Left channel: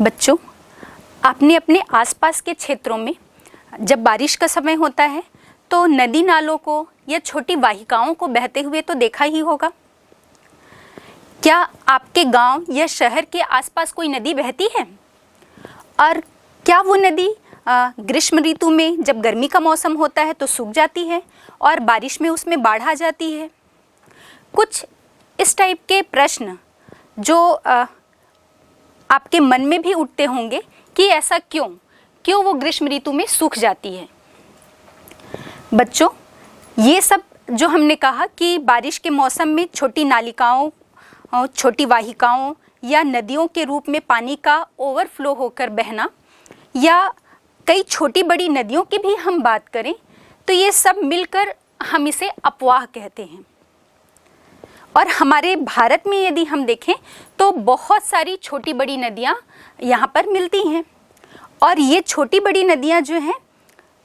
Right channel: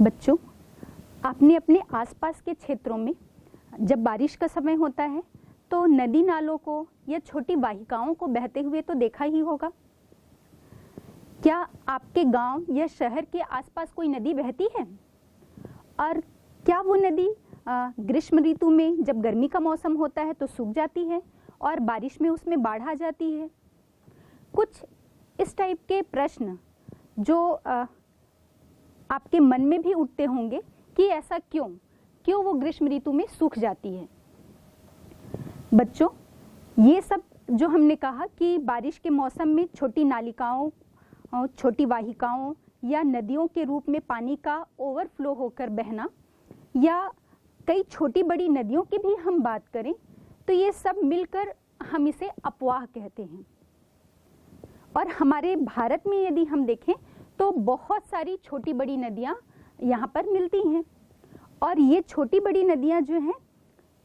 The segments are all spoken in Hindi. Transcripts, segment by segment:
बच्चों, आपने अपने आसपास के क्षेत्रों में जब बारिश का समय होता है तो नदी नालों को या छोटी वाहिकाओं को बहते हुए तो देखा ही होगा। क्या आपके गांव या शहर के आसपास कोई नदी बहती है? और क्या वो नदी ग्रीष्म ऋतु में जब गर्मी का मौसम होता है तो सूख जाती है और बारिश में उसमें बाढ़ आ जाती है? कुछ इस टाइप के प्रश्न जो आपके मन में भी उठते होंगे कि ऐसा क्यों वो ग्रीष्म ऋतु में सूख जाती है। बच्चों, ये सब जो हमने कहा कि बारिश के मौसम में छोटी नालिकाओं, छोटी वाहिकाओं या नदियों के रूप में पानी का ओवरफ्लो होकर बहना, या कई छोटी बड़ी नदियों की भी हम बात करें तो ये सब मिलकर हम इसे अपवाह कहते हैं। और हमारे भारत में यदि हम देखें तो बहुत सारी छोटी बड़ी नदियाँ यहाँ पर मिलती हैं। और ये छोटी बड़ी नदियाँ जो हैं,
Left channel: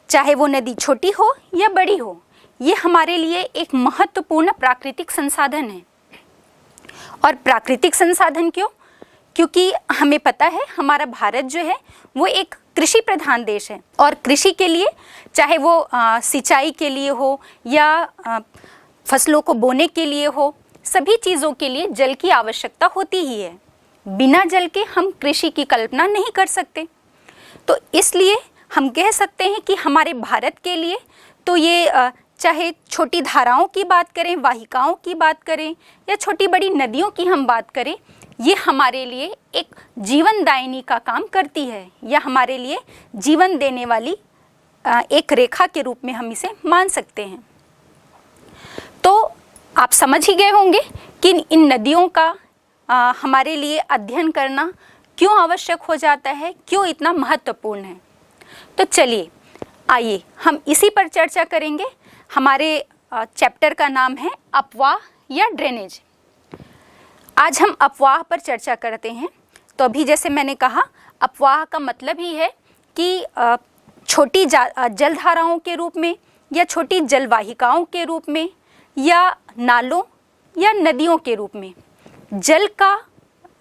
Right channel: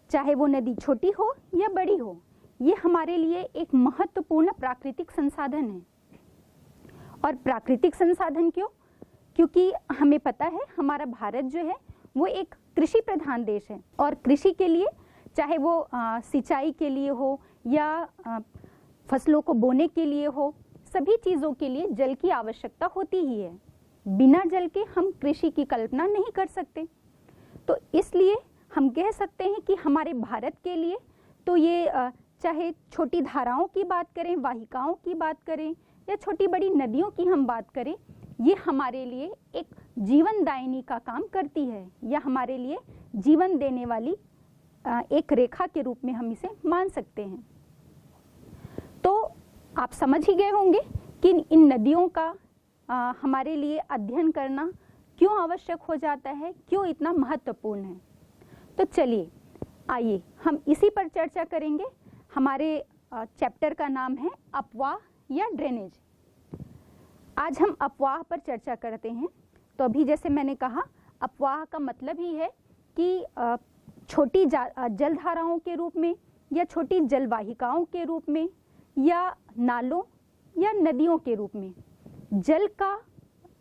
चाहे वो नदी छोटी हो या बड़ी हो, ये हमारे लिए एक महत्वपूर्ण प्राकृतिक संसाधन है। और प्राकृतिक संसाधन क्यों? क्योंकि हमें पता है हमारा भारत जो है वो एक कृषि प्रधान देश है, और कृषि के लिए चाहे वो सिंचाई के लिए हो या फसलों को बोने के लिए हो, सभी चीज़ों के लिए जल की आवश्यकता होती ही है। बिना जल के हम कृषि की कल्पना नहीं कर सकते। तो इसलिए हम कह सकते हैं कि हमारे भारत के लिए तो ये चाहे छोटी धाराओं की बात करें, वाहिकाओं की बात करें या छोटी बड़ी नदियों की हम बात करें, ये हमारे लिए एक जीवनदायिनी का काम करती है, या हमारे लिए जीवन देने वाली एक रेखा के रूप में हम इसे मान सकते हैं। तो आप समझ ही गए होंगे कि इन नदियों का हमारे लिए अध्ययन करना क्यों आवश्यक हो जाता है, क्यों इतना महत्वपूर्ण है। तो चलिए आइए हम इसी पर चर्चा करेंगे। हमारे चैप्टर का नाम है अपवाह या ड्रेनेज। आज हम अपवाह पर चर्चा करते हैं। तो अभी जैसे मैंने कहा, अपवाह का मतलब ही है कि छोटी जलधाराओं के रूप में या छोटी जलवाहिकाओं के रूप में या नालों या नदियों के रूप में जल का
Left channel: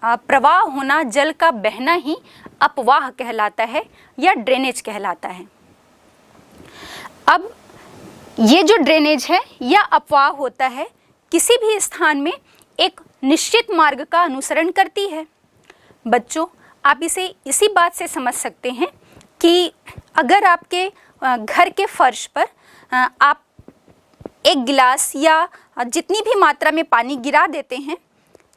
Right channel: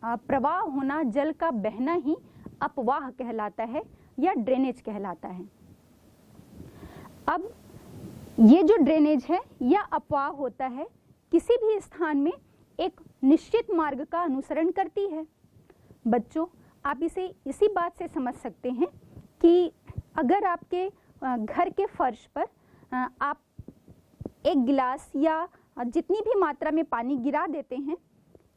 प्रवाह होना, जल का बहना ही अपवाह कहलाता है या ड्रेनेज कहलाता है। अब ये जो ड्रेनेज है या अपवाह होता है, किसी भी स्थान में एक निश्चित मार्ग का अनुसरण करती है। बच्चों, आप इसे इसी बात से समझ सकते हैं कि अगर आपके घर के फर्श पर आप एक गिलास या जितनी भी मात्रा में पानी गिरा देते हैं,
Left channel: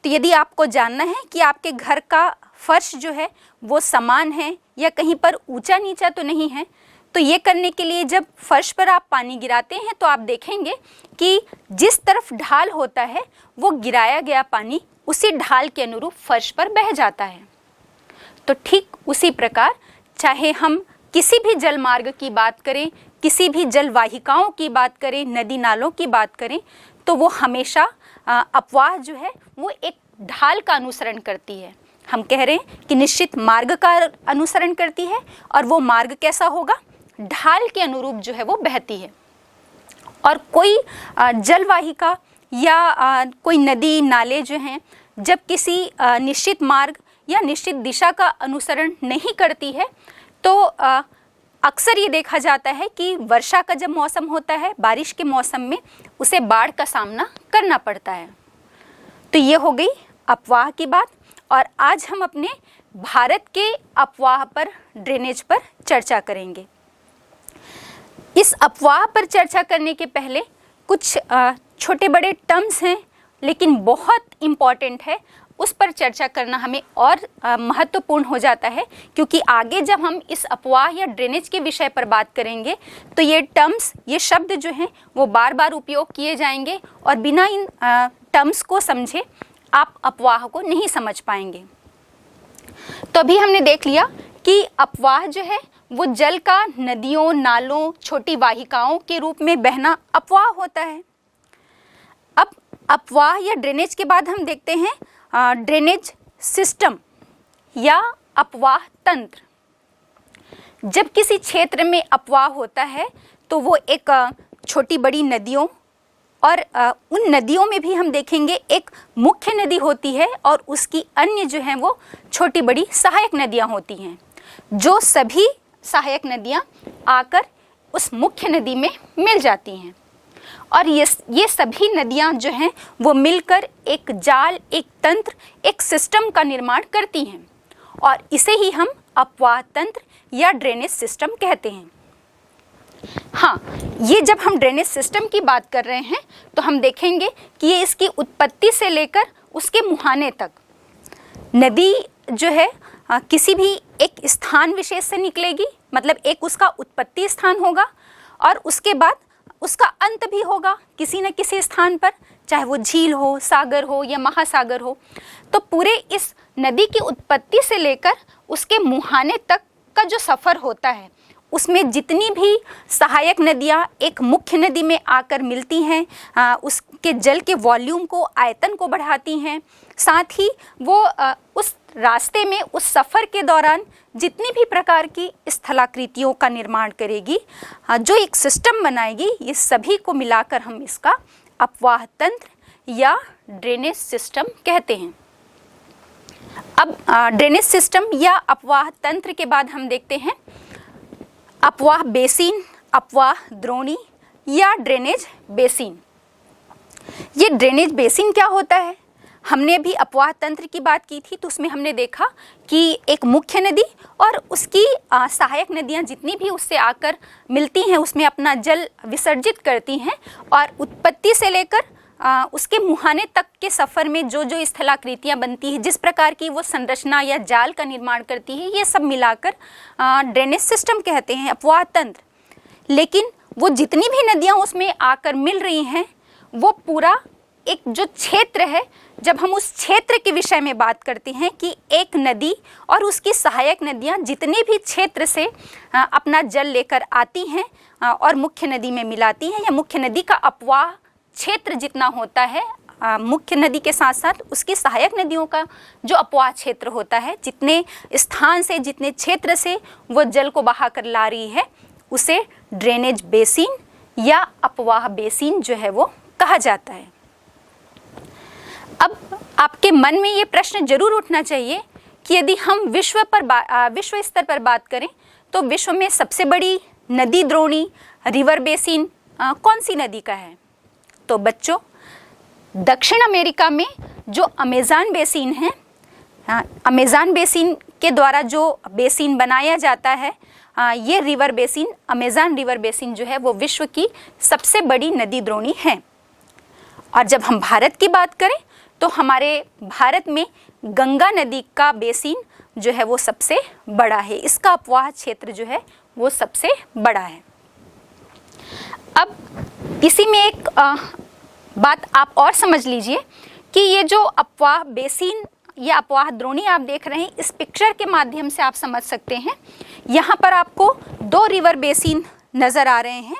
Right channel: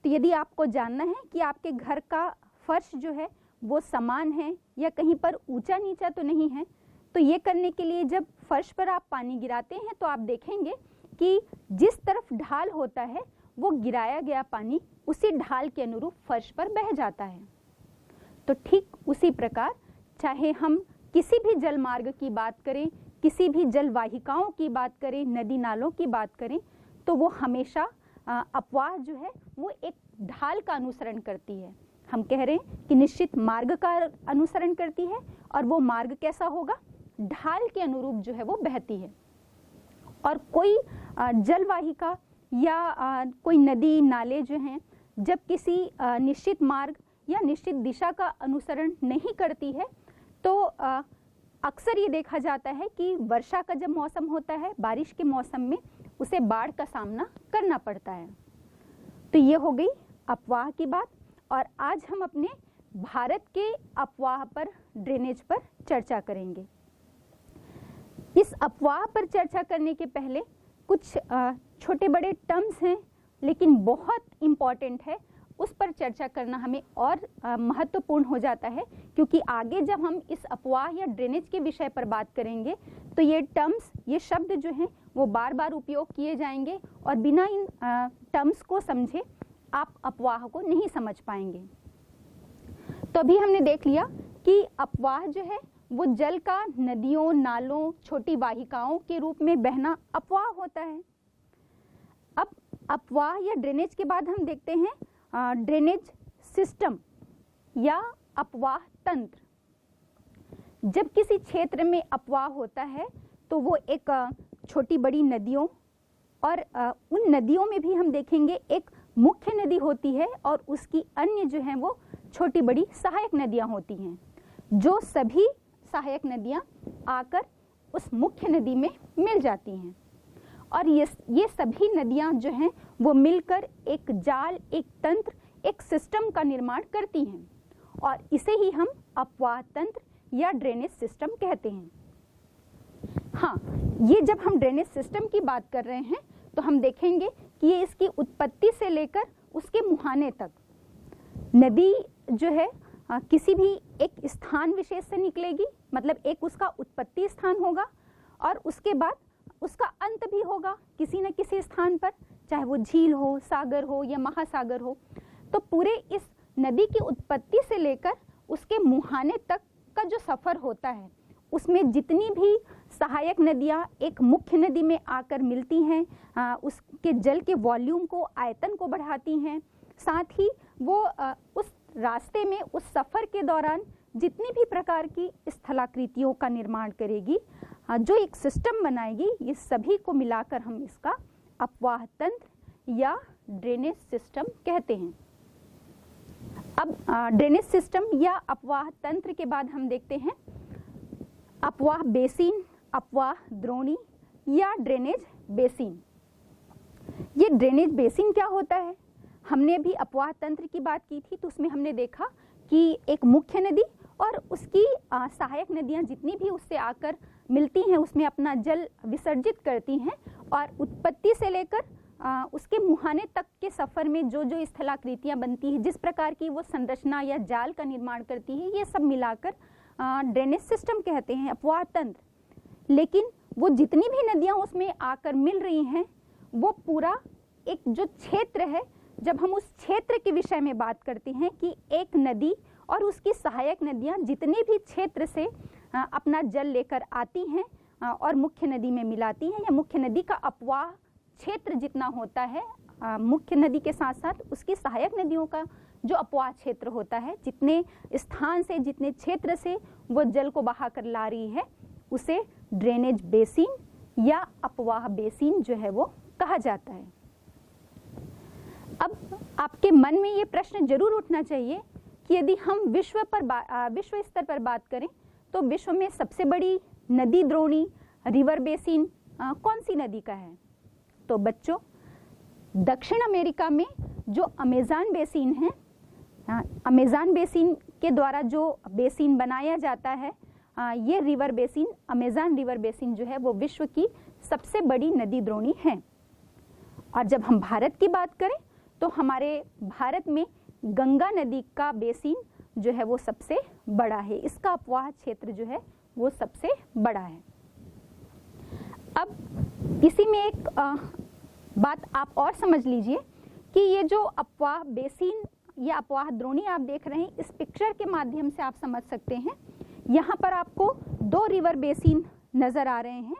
तो यदि आपको जानना है कि आपके घर का फर्श जो है वो समान है या कहीं पर ऊंचा नीचा तो नहीं है, तो ये करने के लिए जब फर्श पर आप पानी गिराते हैं तो आप देखेंगे कि जिस तरफ ढाल होता है वो गिराया गया पानी उसी ढाल के अनुरूप फर्श पर बह जाता है। तो ठीक उसी प्रकार चाहे हम किसी भी जल मार्ग की बात करें, किसी भी जल वाहिकाओं की बात करें, नदी नालों की बात करें, तो वो हमेशा अपवाह जो है वो एक ढाल का अनुसरण करती है। हम कह रहे हैं कि निश्चित मार्ग का अनुसरण करती है, और वो मार्ग कैसा होगा? ढाल के अनुरूप जो है वो बहती है। और कोई जलवाहिका या कोई नदी नाले जो हैं, जब किसी निश्चित मार्ग या निश्चित दिशा का अनुसरण नहीं करती है तो अक्सर ये देखा जाता है कि वर्षा का जब मौसम होता है, बारिश के मौसम में उसे बाढ़ का सामना करना पड़ता है। तो ये हो गई अपवाह की बात। और आज हम अपने भारत के अपवाह पर, ड्रेनेज पर चर्चा करेंगे। इस अपवाह पर चर्चा करने के पहले कुछ छोटे बड़े टर्म्स हैं, लेकिन बहुत इम्पॉर्टेंट है, उस पर चर्चा करना हमें और महत्वपूर्ण हो जाता है, क्योंकि आगे जब हम इस अपवाह या ड्रेनेज के विषय पर बात करेंगे तो ये टर्म्स, ये शब्द जो हैं वो बार बार उपयोग किए जाएंगे, और बिना इन टर्म्स को समझे आप अपवाह को नहीं समझ पाएंगे। तो अभी हमने देख लिया कि अपवाह जो है वो जल का नदियों, नालों, छोटी वाहिकाओं के रूप में बहना अपवाह होता है। अब अपवाह या ड्रेनेज के बाद हम देखते हैं ड्रेनेज सिस्टम या अपवाह तंत्र। जब किसी क्षेत्र में अपवाह होता है तो वो एक छोटी बड़ी नदियों और उन नदियों में भी हम देखेंगे एक मुख्य नदी होती है और उसकी अन्य जो हैं वो छोटी बड़ी सहायक नदियां होती हैं, जो सभी सहायक नदियां आकर उस मुख्य नदी में मिल जाती हैं। और ये सभी नदियां जो हैं वो मिलकर एक जाल, एक तंत्र, एक सिस्टम का निर्माण करती हैं और इसे ही हम अपवाह तंत्र या ड्रेनेज सिस्टम कहते हैं। हाँ, ये जब हम ड्रेनेज सिस्टम की बात कर रहे हैं तो हम देखेंगे कि ये इसकी उत्पत्ति से लेकर उसके मुहाने तक, नदी जो है किसी भी एक स्थान विशेष से निकलेगी, मतलब एक उसका उत्पत्ति स्थान होगा और उसके बाद उसका अंत भी होगा किसी न किसी स्थान पर, चाहे वो झील हो, सागर हो या महासागर हो। तो पूरे इस नदी की उत्पत्ति से लेकर उसके मुहाने तक का जो सफ़र होता है उसमें जितनी भी सहायक नदियाँ एक मुख्य नदी में आकर मिलती हैं, उसके जल के वॉल्यूम को, आयतन को बढ़ाती हैं, साथ ही वो उस रास्ते में, उस सफ़र के दौरान जितनी भी प्रकार की स्थलाकृतियों का निर्माण करेगी, जो एक सिस्टम बनाएगी, ये सभी को मिलाकर हम इसका अपवाह तंत्र या ड्रेनेज सिस्टम कहते हैं। अब ड्रेनेज सिस्टम या अपवाह तंत्र के बाद हम देखते हैं अपवाह बेसिन, अपवाह द्रोणी या ड्रेनेज बेसिन। ये ड्रेनेज बेसिन क्या होता है? हमने अभी अपवाह तंत्र की बात की थी तो उसमें हमने देखा कि एक मुख्य नदी और उसकी सहायक नदियाँ जितनी भी उससे आकर मिलती हैं उसमें अपना जल विसर्जित करती हैं और उत्पत्ति से लेकर उसके मुहाने तक के सफ़र में जो जो स्थलाकृतियाँ बनती है, जिस प्रकार की वो संरचना या जाल का निर्माण करती है, ये सब मिलाकर ड्रेनेज सिस्टम कहते हैं, अपवाह तंत्र। लेकिन वो जितनी भी नदियाँ उसमें आकर मिल रही हैं वो पूरा एक जो क्षेत्र है, जब हम उस क्षेत्र के विषय में बात करते हैं कि एक नदी और उसकी सहायक नदियाँ जितने भी क्षेत्र से अपना जल लेकर आती हैं और मुख्य नदी में मिलाती हैं, या मुख्य नदी का अपवाह क्षेत्र जितना होता है, मुख्य नदी के साथ साथ उसकी सहायक नदियों का जो अपवाह क्षेत्र होता है, जितने स्थान से, जितने क्षेत्र से वो जल को बहा कर ला रही है, उसे ड्रेनेज बेसिन या अपवाह बेसिन जो है वो कहा जाता है। अब आपके मन में ये प्रश्न जरूर उठना चाहिए कि यदि हम विश्व स्तर पर बात करें तो विश्व में सबसे बड़ी नदी द्रोणी, रिवर बेसिन कौन सी नदी का है? तो बच्चों, दक्षिण अमेरिका में जो अमेज़न बेसिन है, अमेज़न बेसिन के द्वारा जो बेसिन बनाया जाता है, ये river basin, Amazon river basin जो है वो विश्व की सबसे बड़ी नदी द्रोणी है। और जब हम भारत की बात करें तो हमारे भारत में गंगा नदी का बेसिन जो है वो सबसे बड़ा है, इसका अपवाह क्षेत्र जो है वो सबसे बड़ा है। अब इसी में एक बात आप और समझ लीजिए कि ये जो अपवाह बेसिन या अपवाह द्रोणी आप देख रहे हैं, इस पिक्चर के माध्यम से आप समझ सकते हैं। यहाँ पर आपको दो रिवर बेसिन नज़र आ रहे हैं।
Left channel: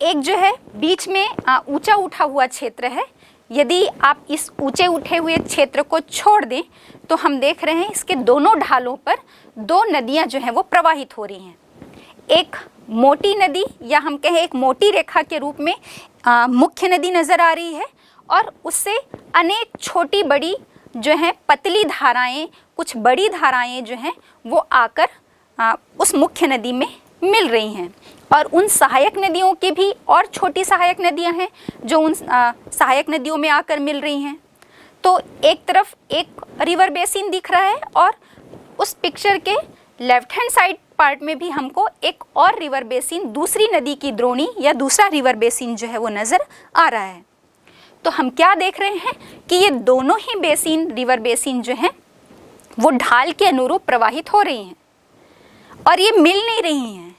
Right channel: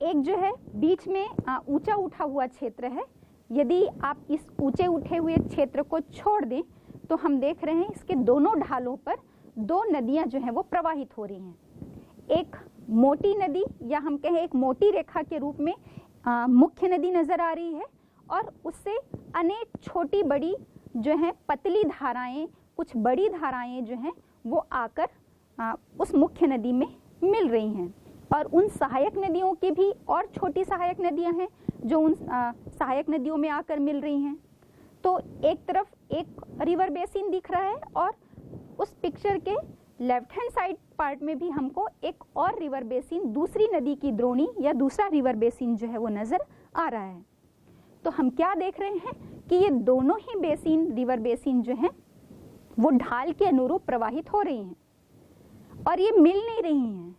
एक जो है बीच में ऊंचा उठा हुआ क्षेत्र है। यदि आप इस ऊंचे उठे हुए क्षेत्र को छोड़ दें तो हम देख रहे हैं इसके दोनों ढालों पर दो नदियाँ जो हैं वो प्रवाहित हो रही हैं। एक मोटी नदी या हम कहें एक मोटी रेखा के रूप में मुख्य नदी नज़र आ रही है और उससे अनेक छोटी बड़ी जो हैं पतली धाराएं, कुछ बड़ी धाराएं जो हैं वो आकर उस मुख्य नदी में मिल रही हैं। और उन सहायक नदियों की भी और छोटी सहायक नदियां हैं जो उन सहायक नदियों में आकर मिल रही हैं। तो एक तरफ एक रिवर बेसिन दिख रहा है और उस पिक्चर के लेफ्ट हैंड साइड पार्ट में भी हमको एक और रिवर बेसिन, दूसरी नदी की द्रोणी या दूसरा रिवर बेसिन जो है वो नज़र आ रहा है। तो हम क्या देख रहे हैं कि ये दोनों ही बेसिन, रिवर बेसिन जो हैं वो ढाल के अनुरूप प्रवाहित हो रही हैं और ये मिल नहीं रही हैं।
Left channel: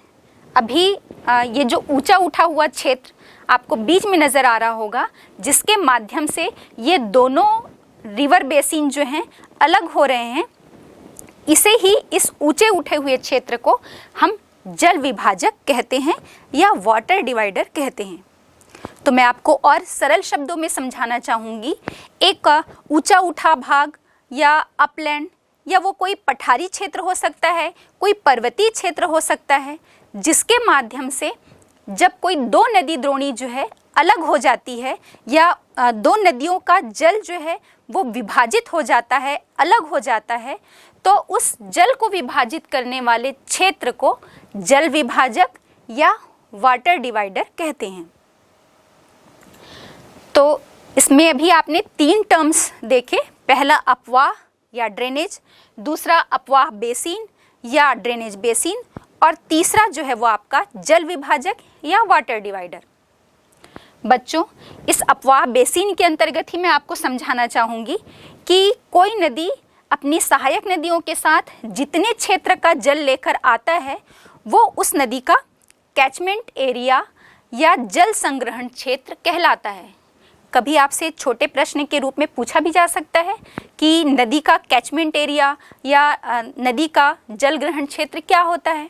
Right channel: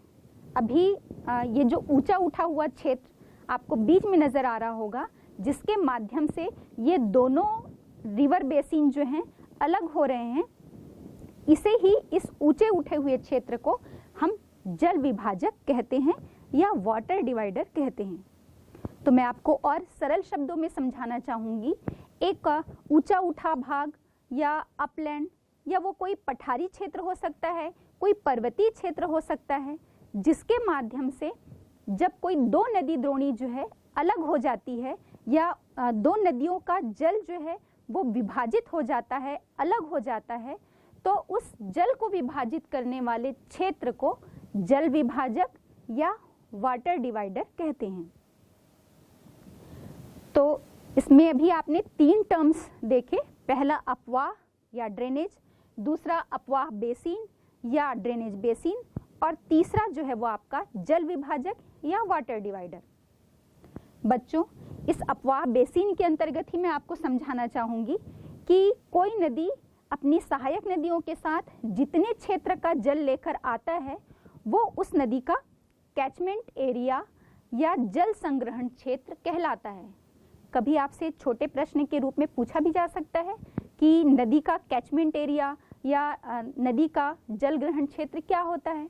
अभी ये जो ऊंचा उठा हुआ क्षेत्र आपको बीच में नज़र आ रहा होगा, जिसके माध्यम से ये दोनों रिवर बेसिन जो हैं अलग हो रहे हैं, इसे ही, इस ऊंचे उठे हुए क्षेत्र को हम जल विभाजक कहते हैं या वाटर डिवाइडर कहते हैं। तो मैं आपको और सरल शब्दों में समझाना चाहूँगी। एक ऊंचा उठा भाग या अपलैंड या वो कोई पठारी क्षेत्र हो सकता है, कोई पर्वतीय क्षेत्र हो सकता है, जिसके माध्यम से जब कोई दो नदी द्रोणी जो है अलग हो जाती है या दो नदियों का जल जो है वो विभाजित हो जाता है, अलग हो जाता है, तो उस जल को विभाजित करने वाले क्षेत्र को जल विभाजक या वाटर डिवाइडर कहते हैं। तो इसमें अभी आपने 3 टर्म्स देखे, पहला अपवाह या ड्रेनेज, दूसरा अपवाह बेसिन या ड्रेनेज बेसिन, और तीसरा जो है वो आपका जल विभाजक या वाटर डिवाइडर। बच्चों, इस अपवाह बेसिन के अंतर्गत ही मैं आपको समझाना चाहूँगी कि कोई नदी अपनी सहायक नदियों के साथ जितने क्षेत्र का जल लेकर आता है वो उस नदी का कैचमेंट एरिया या जल संग्रहण क्षेत्र कहलाता है। कभी आपसे छोटे प्रश्न के रूप में पूछा भी जा सकता है कि नदी का कैचमेंट एरिया या नदी का जल ग्रहण क्षेत्र क्या होता है,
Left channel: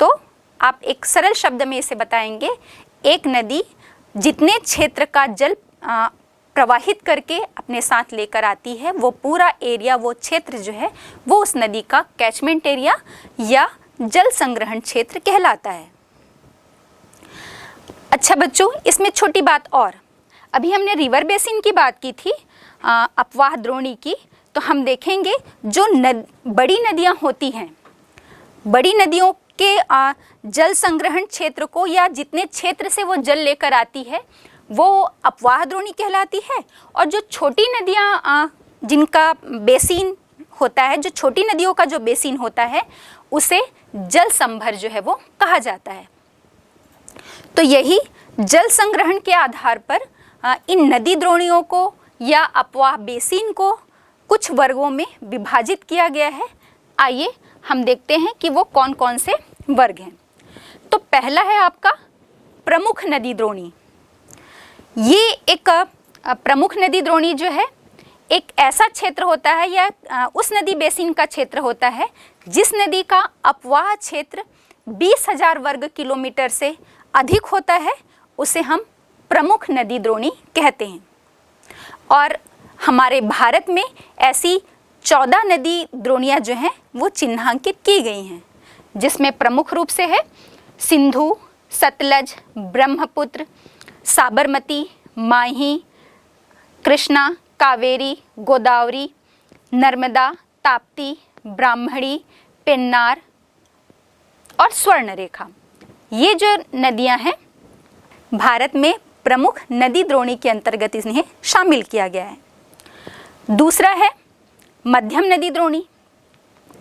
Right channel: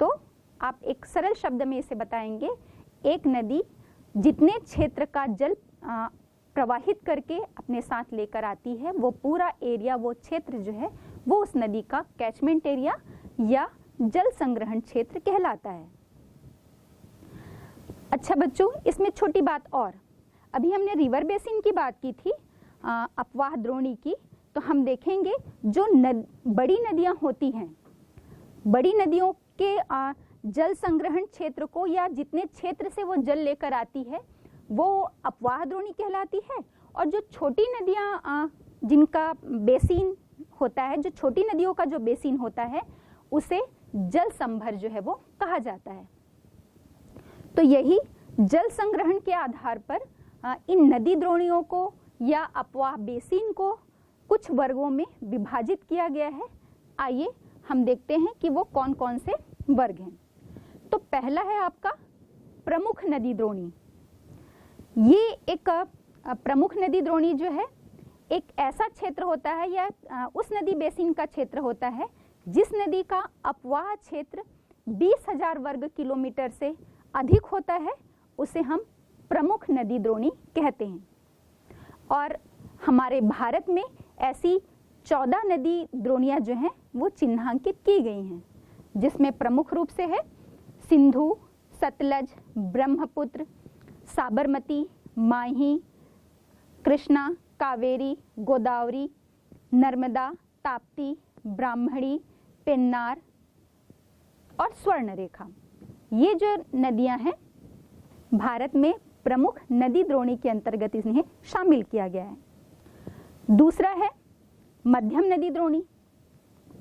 तो आप एक सरल शब्द में इसे बताएंगे, एक नदी जितने क्षेत्र का जल प्रवाहित करके अपने साथ लेकर आती है वो पूरा एरिया, वो क्षेत्र जो है वो उस नदी का कैचमेंट एरिया या जल संग्रहण क्षेत्र कहलाता है। अच्छा बच्चों, इसमें छोटी बात और, अभी हमने रिवर बेसिन की बात की थी, अपवाह द्रोणी की, तो हम देखेंगे जो बड़ी नदियां होती हैं, बड़ी नदियों के जल संग्रहण क्षेत्र को या जितने क्षेत्र से वो जल लेकर आती है वो अपवाह द्रोणी कहलाती है, और जो छोटी नदियां जिनका बेसिन होता है, जो छोटी नदियों का जो बेसिन होता है उसे जल संभर जो है वो कहा जाता है। तो यही जल संग्रहण के आधार पर इन नदी द्रोणियों को या अपवाह बेसिन को कुछ वर्गों में विभाजित किया गया है। आइए हम देखते हैं कि वो कौन कौन से वर्ग हैं। तो पहला है आपका प्रमुख नदी द्रोणी। ये एक प्रमुख नदी द्रोणी जो है एक ऐसा क्षेत्र होता है या उस नदी बेसिन का क्षेत्र होता है जिस नदी का अपवाह क्षेत्र 20,000 वर्ग किलोमीटर से अधिक होता है, उसे हम प्रमुख नदी द्रोणी कहते हैं। और हमारे भारत में ऐसी 14 नदी द्रोणियाँ जो हैं वो चिन्हांकित की गई हैं, जिसमें प्रमुख रूप से है सिंधु, सतलज, ब्रह्मपुत्र, साबरमती, माही, कृष्णा, कावेरी, गोदावरी, नर्मदा, ताप्ती, ब्राह्मणी, पेन्नार और स्वर्णरेखा। ये जो नदियां हैं भारत में प्रमुख नदी द्रोणी के अंतर्गत इन्हें शामिल किया गया है। दूसरा है मध्यम नदी द्रोणी।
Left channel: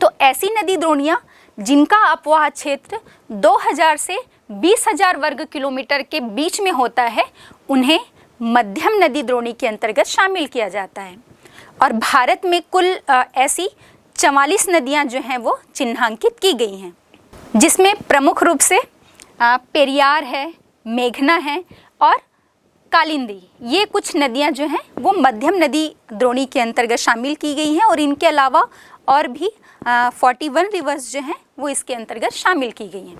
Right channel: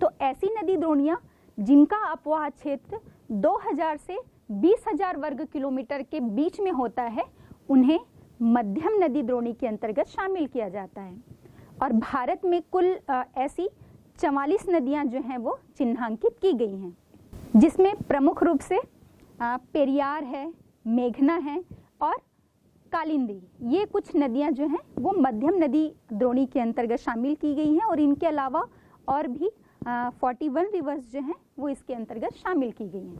तो ऐसी नदी द्रोणियां जिनका अपवाह क्षेत्र 2000 से 20,000 वर्ग किलोमीटर के बीच में होता है उन्हें मध्यम नदी द्रोणी के अंतर्गत शामिल किया जाता है। और भारत में कुल ऐसी 44 नदियां जो हैं वो चिन्हांकित की गई हैं, जिसमें प्रमुख रूप से पेरियार है, मेघना है और कालिंदी, ये कुछ नदियां जो हैं वो मध्यम नदी द्रोणी के अंतर्गत शामिल की गई हैं। और इनके अलावा और भी 41 रिवर्स जो हैं वो इसके अंतर्गत शामिल की गई हैं।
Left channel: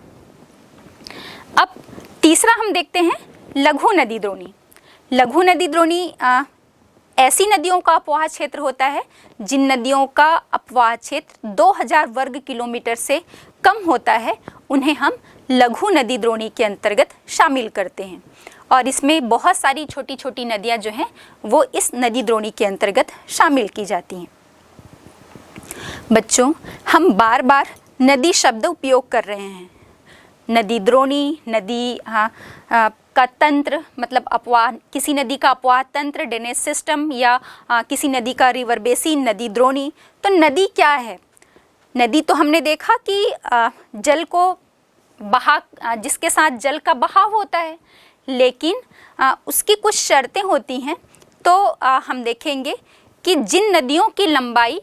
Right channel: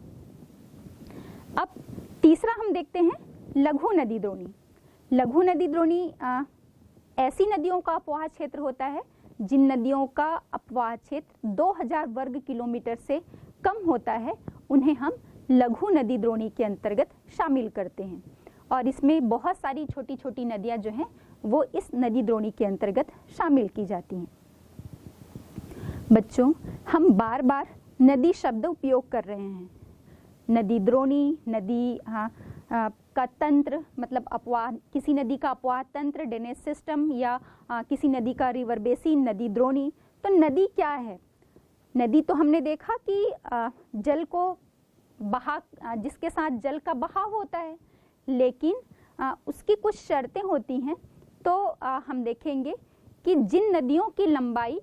अब तीसरा हम देखते हैं लघु नदी द्रोणी। लघु नदी द्रोणी ऐसी नदियों का अपवाह क्षेत्र होता है जिन नदियों का अपवाह क्षेत्र 2000 वर्ग किलोमीटर से कम होता है, उन्हें हम लघु नदी द्रोणी के अंतर्गत शामिल करते हैं। और इसमें बहुत सारी छोटी छोटी नदियां जो हैं वो इस नदी द्रोणी के अंतर्गत शामिल की जाती हैं। बच्चों, हम बार बार नदी शब्द उपयोग कर रहे हैं। नदी द्रोणी, नदी का तंत्र, मतलब अपवाह, किसी नदी का अपवाह तंत्र, ड्रेनेज सिस्टम, या किसी नदी का रिवर बेसिन, नदी द्रोणी। तो नदी क्या है? नदी तो हमने देखा कि जल को जिसके साथ जल का बहाव होता है, लेकिन उसकी कुछ शर्तें होती हैं। तो हम देखेंगे कि जिन नदियों की लंबाई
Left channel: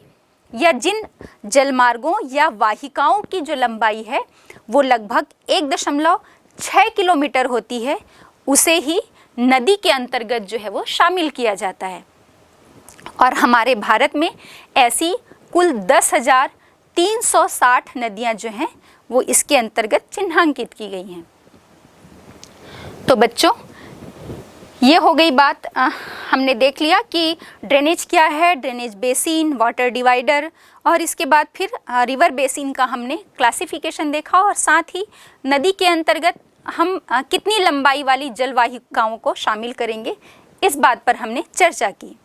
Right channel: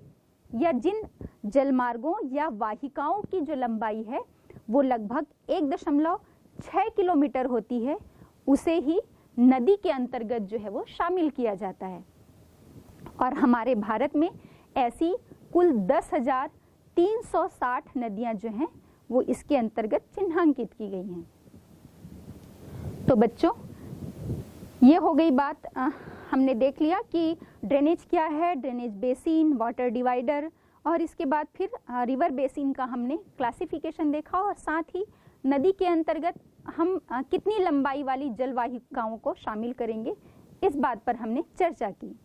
या जिन जलमार्गों या वाहिकाओं की जो लंबाई है वो लगभग 1.6 किलोमीटर होती है, उसे ही नदी के अंतर्गत जो है वो शामिल किया जाता है। और हमारे भारत में ऐसी कुल 10,360 नदियां जो हैं वो इसके अंतर्गत चिन्हांकित की गई हैं। तो बच्चों, ये हो गई बात, हमने देख लिया कि ड्रेनेज क्या है, ड्रेनेज बेसिन, वाटर डिवाइडर, और इसके बाद फिर रिवर बेसिन का हमने क्लासिफिकेशन देखा, और साथ ही नदी के अंतर्गत हम कितनी लंबाई वाली जलवाहिकाओं को शामिल करेंगे, इस बात पर हमने चर्चा की।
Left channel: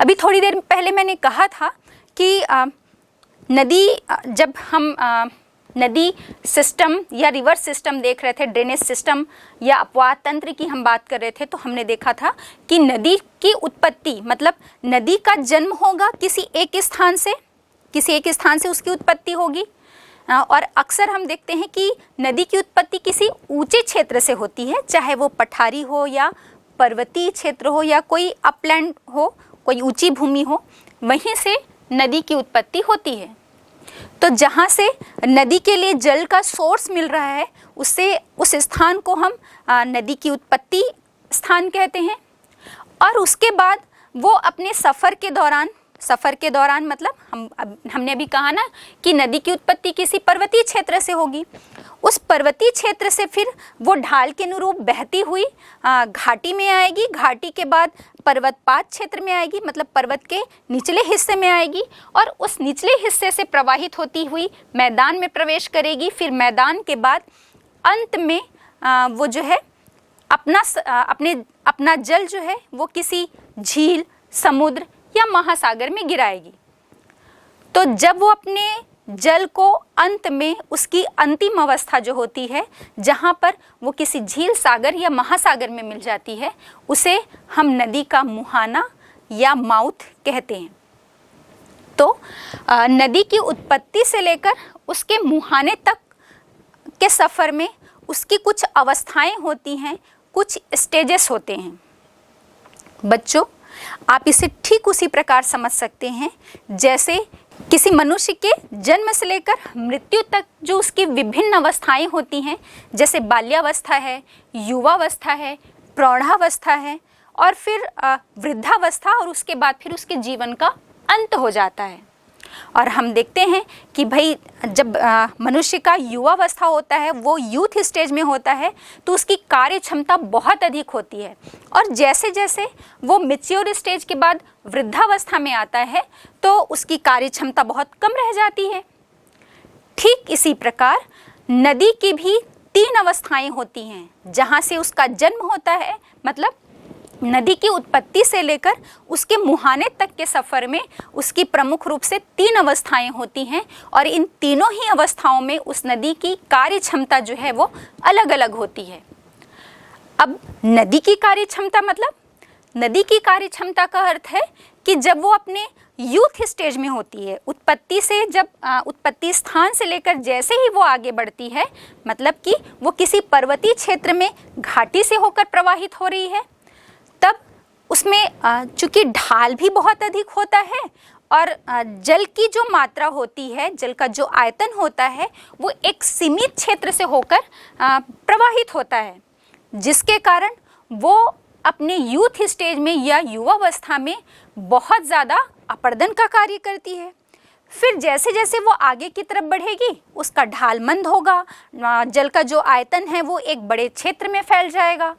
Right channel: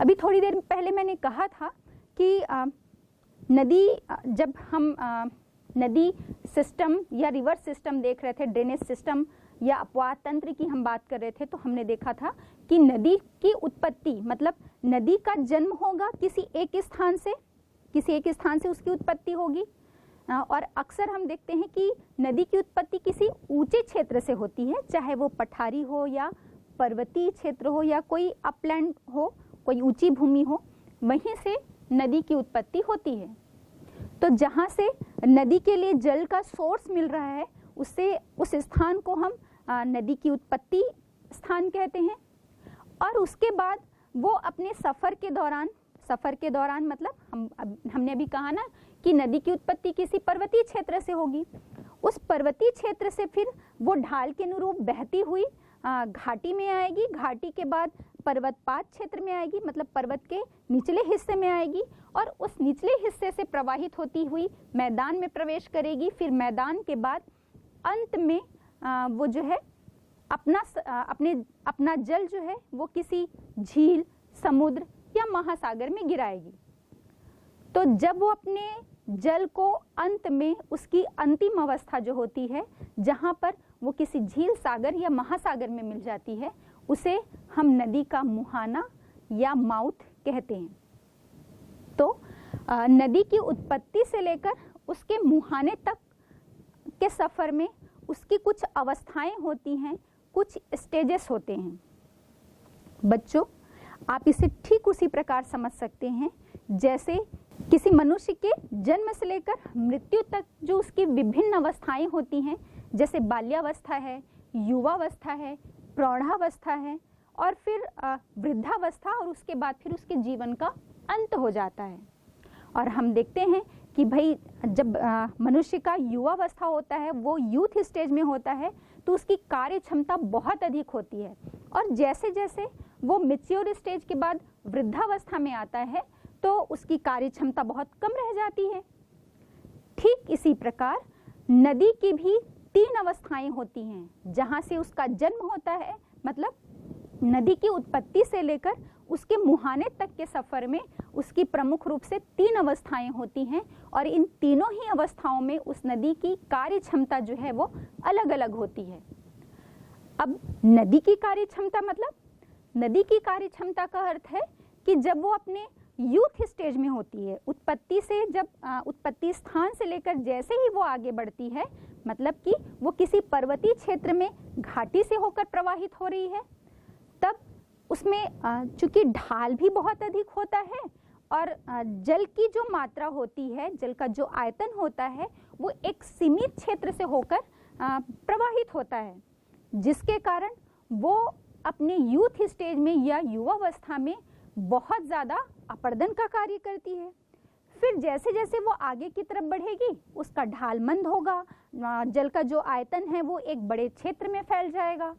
अभी थोड़ी देर पहले मैंने कहा था कि नदी, जब हम नदी सिस्टम या रिवर सिस्टम देख रहे थे, ड्रेनेज सिस्टम या अपवाह तंत्र की हम बात कर रहे थे, तो हमने देखा था कि नदी की उत्पत्ति मतलब नदी का जन्म होगा किसी एक स्थान से उसकी उत्पत्ति होगी। और अक्सर हम देखते हैं कि नदी की उत्पत्ति किसी ऊंचे क्षेत्र से होती है, चाहे वो पठारी हो या पर्वतीय क्षेत्र हो या कोई अपलैंड हो, कोई ऊंची भूमि हो, वहीं से नदी की उत्पत्ति होती है। तो जहाँ से नदी के लिए जल का सोर्स मिल रहा है, उससे उस स्थान को हम नदी की उत्पत्ति स्थान कहते हैं। और उसके बाद वो अपने सफ़र के दौरान मतलब हमने अभी कहा ना कि नदी की उत्पत्ति किसी पर्वतीय क्षेत्र से होगी, उस पर्वतीय क्षेत्र से फिर वो ढाल के अनुरूप बहती हुई घाटी में आएगी, घाटी के बाद पर्वतपात क्षेत्र में आएगी, मतलब पर्वत के निचले हिस्से में आएगी, और उस निचले हिस्से से प्रवाहित होती हुई मैदान में प्रवेश करेगी। फिर मैदान के बाद अंत में वो जो है अपना जल जो है वो किसी झील, समुद्र या महासागर में गिराएगी। तो जब वो अपने जल को अंत में उसकी अंतिम अवस्था जो होती है, जहाँ पर वो किसी झील, सागर या महासागर में मिल जाती है, उसे हम नदी का मुहाना या माउथ कहते हैं। तो नदी की उत्पत्ति से लेकर उसके मुहाने तक के सफ़र में उसकी कुछ अवस्थाएं होती हैं, कुछ स्टेजेस होते हैं। बच्चों, आप इसे ठीक उसी प्रकार समझ सकते हैं जैसे किसी मनुष्य के जन्म से लेकर मृत्यु तक जो उसकी विभिन्न अवस्थाएं होती हैं, जैसे बाल्यावस्था है, युवावस्था है, प्रौढ़ावस्था है, और फिर वृद्धावस्था, और उसके बाद फिर उसके जीवन का अंत हो जाता है। और हम देखते हैं कि भाई जब मनुष्य का युवावस्था होता है, वो यूथ स्टेज में होता है, तो उसकी कार्य क्षमता बहुत अधिक होती है, और जैसे जैसे वो मैच्योर स्टेज के बाद वृद्धावस्था में आता है तो उसकी कार्य क्षमता बहुत कम रह जाती है। ठीक इसी प्रकार नदी की भी 3 अवस्थाएं होती हैं, जहाँ से उसका जन्म होता है, मतलब नदी की उत्पत्ति से लेकर उसके मुहाने तक के सफ़र में उसकी प्रमुख रूप से 3 अवस्थाएं होती हैं, और इन तीनों ही अवस्थाओं में उस नदी की कार्य क्षमता जो है वो अलग अलग होती है। अब नदी की कार्य क्षमता मतलब, नदी की कार्य क्षमता का अर्थ है कि जब वो अपने यूथ स्टेज में होती है, उत्पत्ति से जब उत्पत्ति स्थान से लेकर जैसे ही वो आगे बढ़ती है, मतलब कि वो किसी पर्वतीय क्षेत्र में घाटी से होकर प्रवाहित हो रही है, तब उसमें चूँकि ढाल भी बहुत अधिक होता है और जल की जो मात्रा होती है, जल का जो आयतन होता है, वो एक सीमित क्षेत्र से होकर प्रवाहित होता है, जिसके कारण वो अपने यूथ स्टेज में या युवावस्था में बहुत ज़्यादा अपर्दन का कार्य करती है। फिर जैसे जैसे वो आगे की तरफ बढ़ेगी, उसका ढाल मंद होगा, जल का जो आयतन है वो एक बड़े क्षेत्र में फैल जाएगा।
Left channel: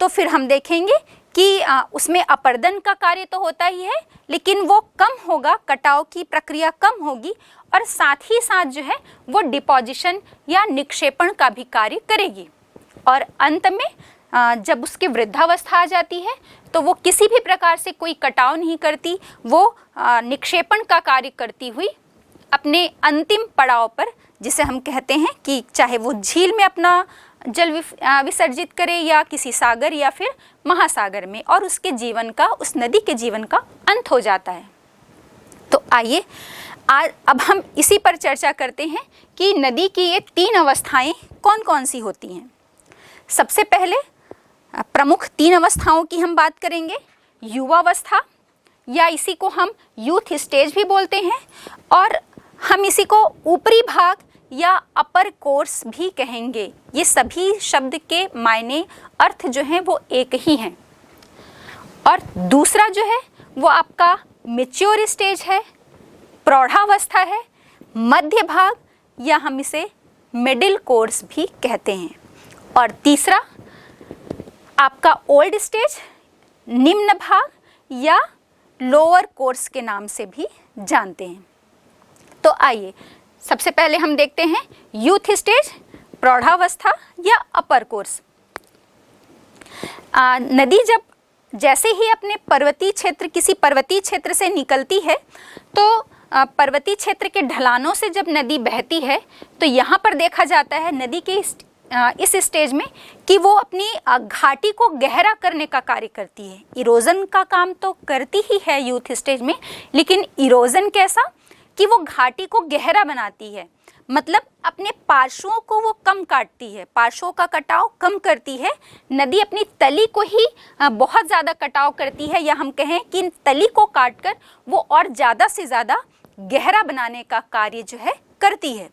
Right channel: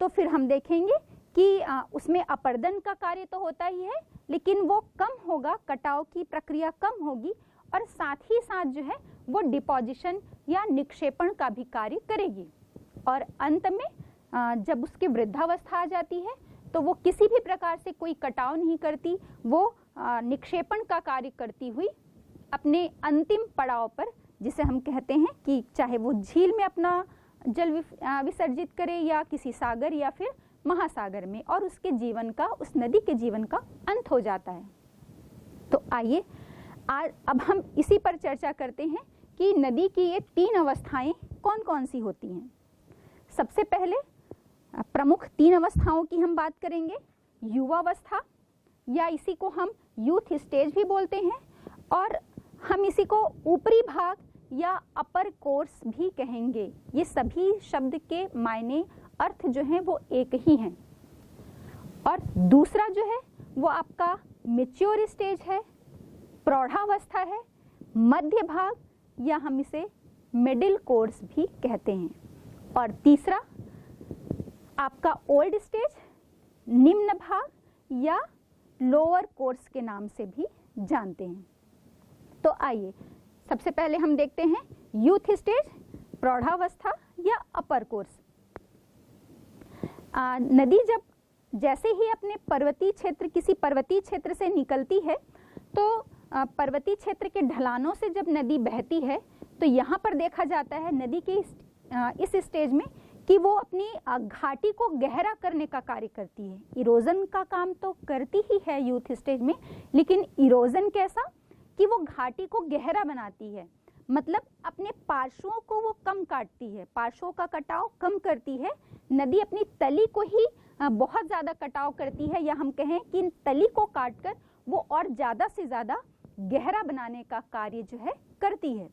तो फिर हम देखेंगे कि उसमें अपर्दन का कार्य तो होता ही है, लेकिन वो कम होगा, कटाव की प्रक्रिया कम होगी, और साथ ही साथ जो है वो डिपोजिशन या निक्षेपण का भी कार्य करेगी। और अंत में जब उसकी वृद्धावस्था आ जाती है तो वो किसी भी प्रकार से कोई कटाव नहीं करती, वो निक्षेपण का कार्य करती हुई अपने अंतिम पड़ाव पर, जिसे हम कहते हैं कि चाहे वो झील में अपना जल विसर्जित करे या किसी सागर या फिर महासागर में, और उसके जीवन का, उस नदी के जीवन का अंत हो जाता है। तो आइए अब हम इसी पर चर्चा करते हैं कि नदी की ये 3 अवस्थाएं कौन कौन सी होती हैं। सबसे पहले प्रमुख 3 अवस्थाओं की हम बात करेंगे। युवावस्था, या इसी को हम यूथ स्टेज भी बोलते हैं, और हम इसी को ऊपरी भाग या अपर कोर्स भी कहेंगे। ये सभी शब्द के मायने, अर्थ जो हैं वो एक ही हैं। और दूसरा जो है वो आपका मैच्योर स्टेज है, प्रौढ़ावस्था है, मध्य भाग, या हम इसे मिडिल कोर्स भी कहते हैं। और तीसरा आपका ओल्ड स्टेज, निम्न भाग, या लोअर कोर्स के नाम से भी जानते हैं। तो आइए सबसे पहले हम देखते हैं यूथ स्टेज, प्रौढ़ावस्था या अपर कोर्स। नदी जब जैसे ही अपने किसी पर्वतीय क्षेत्र से निकलती है तो पर्वतीय क्षेत्र के ढलानों से जब नदी बहती है तो यहाँ पर देखा जाता है नदी के इस स्टेज में कि वो अपनी घाटी को गहरा करने का कार्य करती है। इरोजन का काम तो करती ही है यूथ स्टेज में, लेकिन इरोजन कैसा कि वो घाटी को गहरा बनाती है, मतलब अपने पार्श्वों को वो कम काटती है, पार्श्वों का कटाव कम करती है। नदी अपनी तली को ही बहुत ज़्यादा कटाव करती है, या हम कहें कि तली को काटकर वो और ज़्यादा से ज़्यादा गहरा बनाने का कार्य जो है करती है।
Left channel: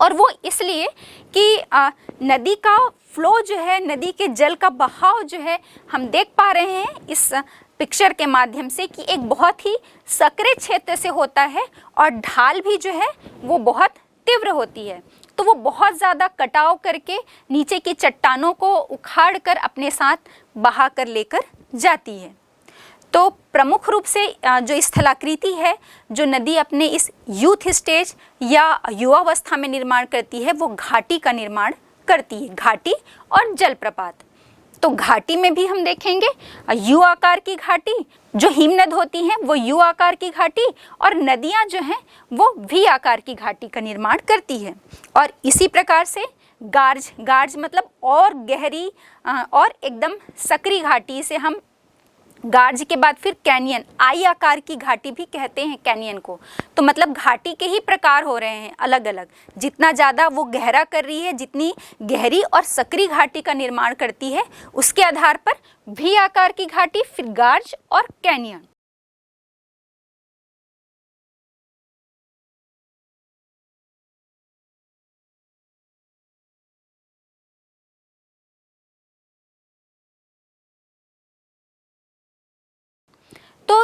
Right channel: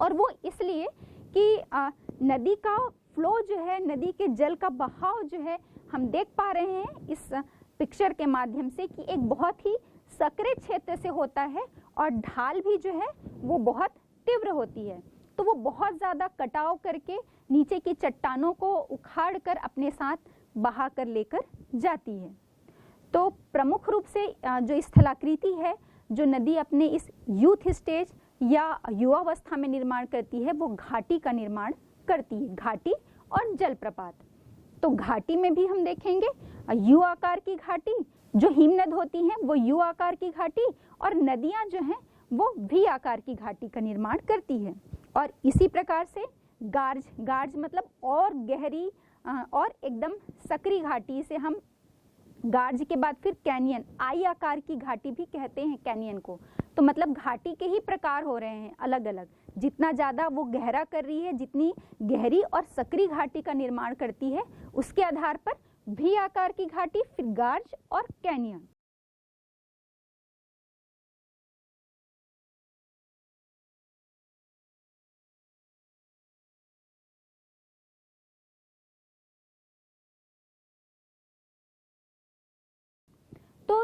और वो इसलिए कि नदी का फ्लो जो है, नदी के जल का बहाव जो है, हम देख पा रहे हैं इस पिक्चर के माध्यम से कि एक बहुत ही संकरे क्षेत्र से होता है और ढाल भी जो है वो बहुत तीव्र होती है। तो वो बहुत ज़्यादा कटाव करके नीचे की चट्टानों को उखाड़ कर अपने साथ बहा कर लेकर जाती है। तो प्रमुख रूप से जो स्थलाकृति है जो नदी अपने इस यूथ स्टेज या युवावस्था में निर्माण करती है वो घाटी का निर्माण करती है, घाटी और जलप्रपात। तो घाटी में भी हम देखेंगे यू आकार की घाटी, जो हिमनद होती हैं वो यू आकार की घाटी, और नदियां जो हैं वो वी आकार की घाटी का निर्माण करती है। और इसी प्रकार से गार्ज मतलब और गहरी और एकदम सकरी घाटी से हम गार्ज के बाद फिर कैनियन, आई आकार की घाटी भी कहते हैं कैनियन को। तो मतलब घाटी के ही प्रकार हो रहे हैं अलग अलग, जितना ज़्यादा वो गहरा कर रही है, जितनी गहरी और सकरी घाटी का निर्माण करती है उसके आधार पर भी आकार की घाटी, फिर गार्ज और कैनियन। तो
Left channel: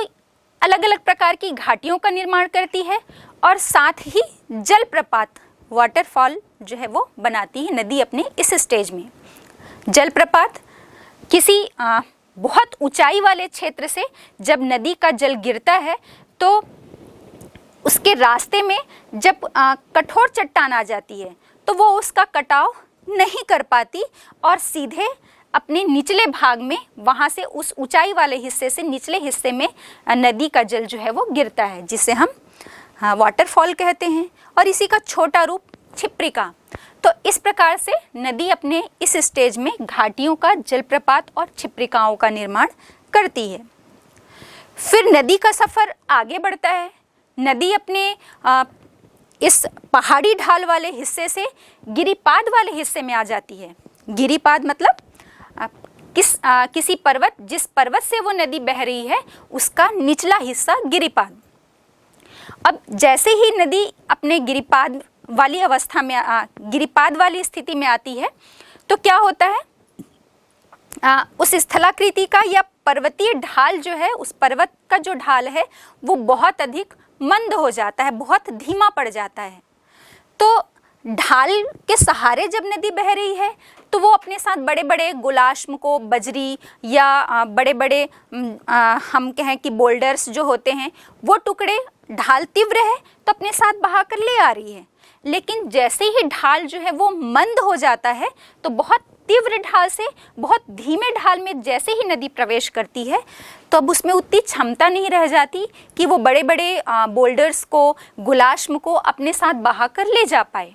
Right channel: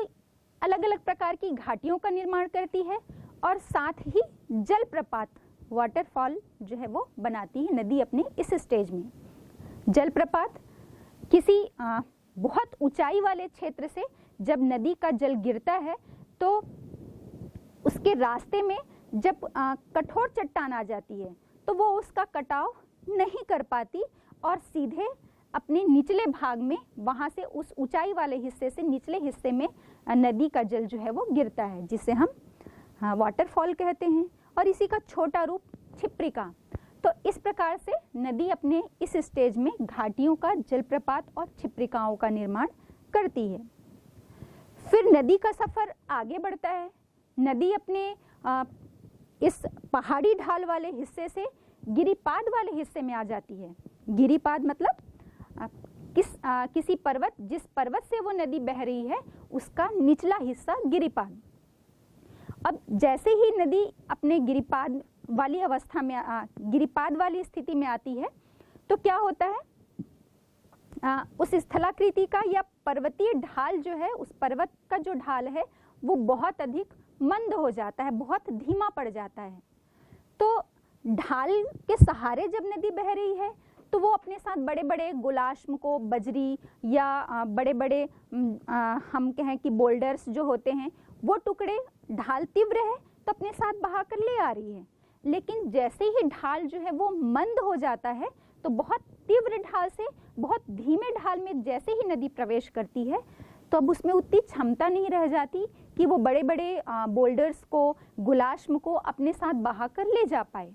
अलग अलग प्रकार की घाटियों का निर्माण करती है और साथ ही जलप्रपात, वाटरफॉल जो है वो बनाती है नदी अपने इस स्टेज में। जलप्रपात किसी बहुत ऊंचाई वाले क्षेत्र से जब नदी का जल गिरता है तो उसके रास्ते में जब कठोर चट्टान आ जाती है तो वो उसका कटाव नहीं कर पाती और सीधे अपने निचले भाग में, वहाँ से उस ऊंचाई वाले हिस्से से निचले हिस्से में नदी का जल जो है वो गिरता है, जिसे हम वाटरफॉल कहते हैं। और इसी का छोटा रूप छिप्रिका। तो इस प्रकार से नदी अपने इस स्टेज में घाटियों का, जलप्रपात और छिप्रिकाओं का निर्माण करती है। फिर नदी का सफ़र आगे बढ़ता है। नदी अपने इस पहाड़ी ढाल वाले हिस्से से गिरिपाद वाले हिस्से में आ जाती है। गिरिपाद मतलब किसी पर्वत, जिस पर्वत से वो नदी बह रही है उसका निचला हिस्सा गिरिपाद। अब जैसे ही नदी अपने गिरिपाद वाली अवस्था में गिरिपाद वाली स्थिति में आती है तो क्या होता है, उस स्थलाकृति का या पर्वतीय ढाल जो है, उस पर्वत का जो ढाल है वो बहुत अधिक मंद हो जाता है, बहुत धीमा पड़ जाता है। तो ढाल के सहारे जब नदी बह रही है तो वो अपने साथ बड़े बड़े गुलाश्म को, बजरी या बड़े बड़े हम कहें कि बोल्डर्स जो होते हैं वो टुकड़े, ढाल तीव्र है तो अपने साथ बहा कर ले आ रही है। लेकिन जैसे ही ढाल जो है वो मंद हो जाता है तो बहुत तीव्र ढाल से बहुत धीमे ढाल में जैसे ही नदी प्रवेश करती है तो अब उसमें उतनी क्षमता नहीं रह जाती कि वो बड़े बड़े बोल्डर्स को, गुलाश्म को अपने साथ बहा कर ले जा पाए।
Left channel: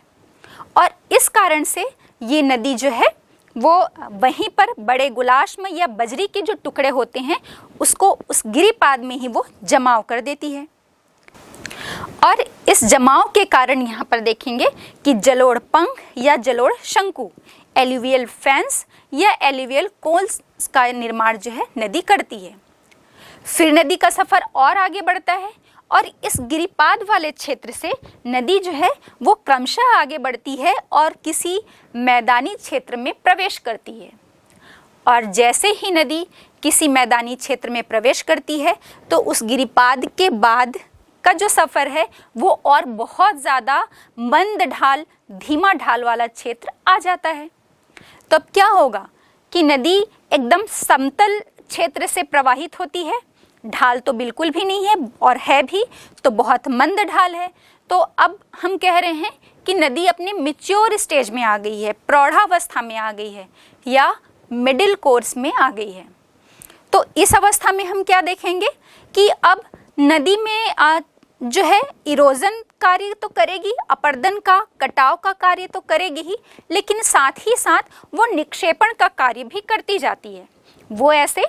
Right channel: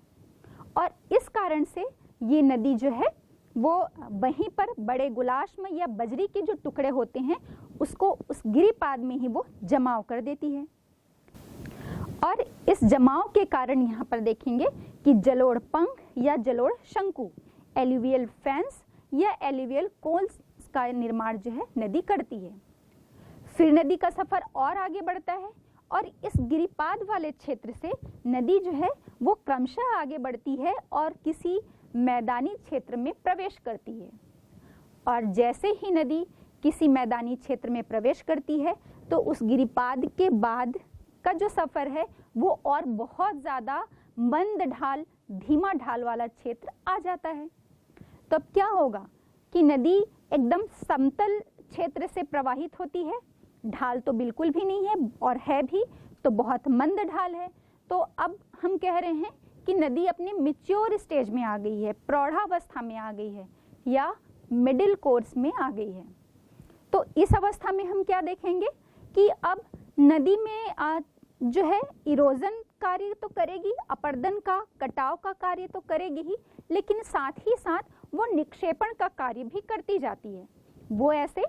और इस कारण से ये नदी जो है वो वहीं पर बड़े गुलाश्म या बजरी के जो टुकड़े होते हैं उसको उस गिरिपाद में ही वो जमाव कर देती है। और इस जमाव के कारण यहाँ पर देखेंगे कि जलोढ़ पंख या जलोढ़ शंकु, एल्यूवियल फैंस या एल्यूवियल कोल्स का निर्माण जो है नदी करती है। फिर नदी का सफ़र और आगे बढ़ता है और इस गिरिपाद वाले क्षेत्र से नदी जो है वो क्रमशः आगे बढ़ती है और किसी मैदानी क्षेत्र में प्रवेश करती है। और जैसे ही नदी किसी मैदानी क्षेत्र में प्रवेश करती है तो उस गिरिपाद के बाद का जो सफ़र है वो और बहुत ज़्यादा मंद ढाल, धीमा ढाल वाला क्षेत्र आ जाता है। तो अब क्या होगा कि नदी एकदम समतल क्षेत्र से प्रवाहित होती है, ढाल तो बिल्कुल भी नहीं है और है भी तो बहुत मंद ढाल है। तो अब हम कह रहे हैं कि नदी अपने मैच्योर स्टेज में आ गई है, प्रौढ़ावस्था में आ गई है या मिडिल कोर्स में आ गई है। तो इस अवस्था में हम क्या देखेंगे कि अब नदी में जो है इरोजन कार्य तो करेगी, अपरदन का, कटाव का कार्य तो करेगी ही, लेकिन साथ ही साथ वो निक्षेपण का कार्य भी करती जाती है। वो ऐसे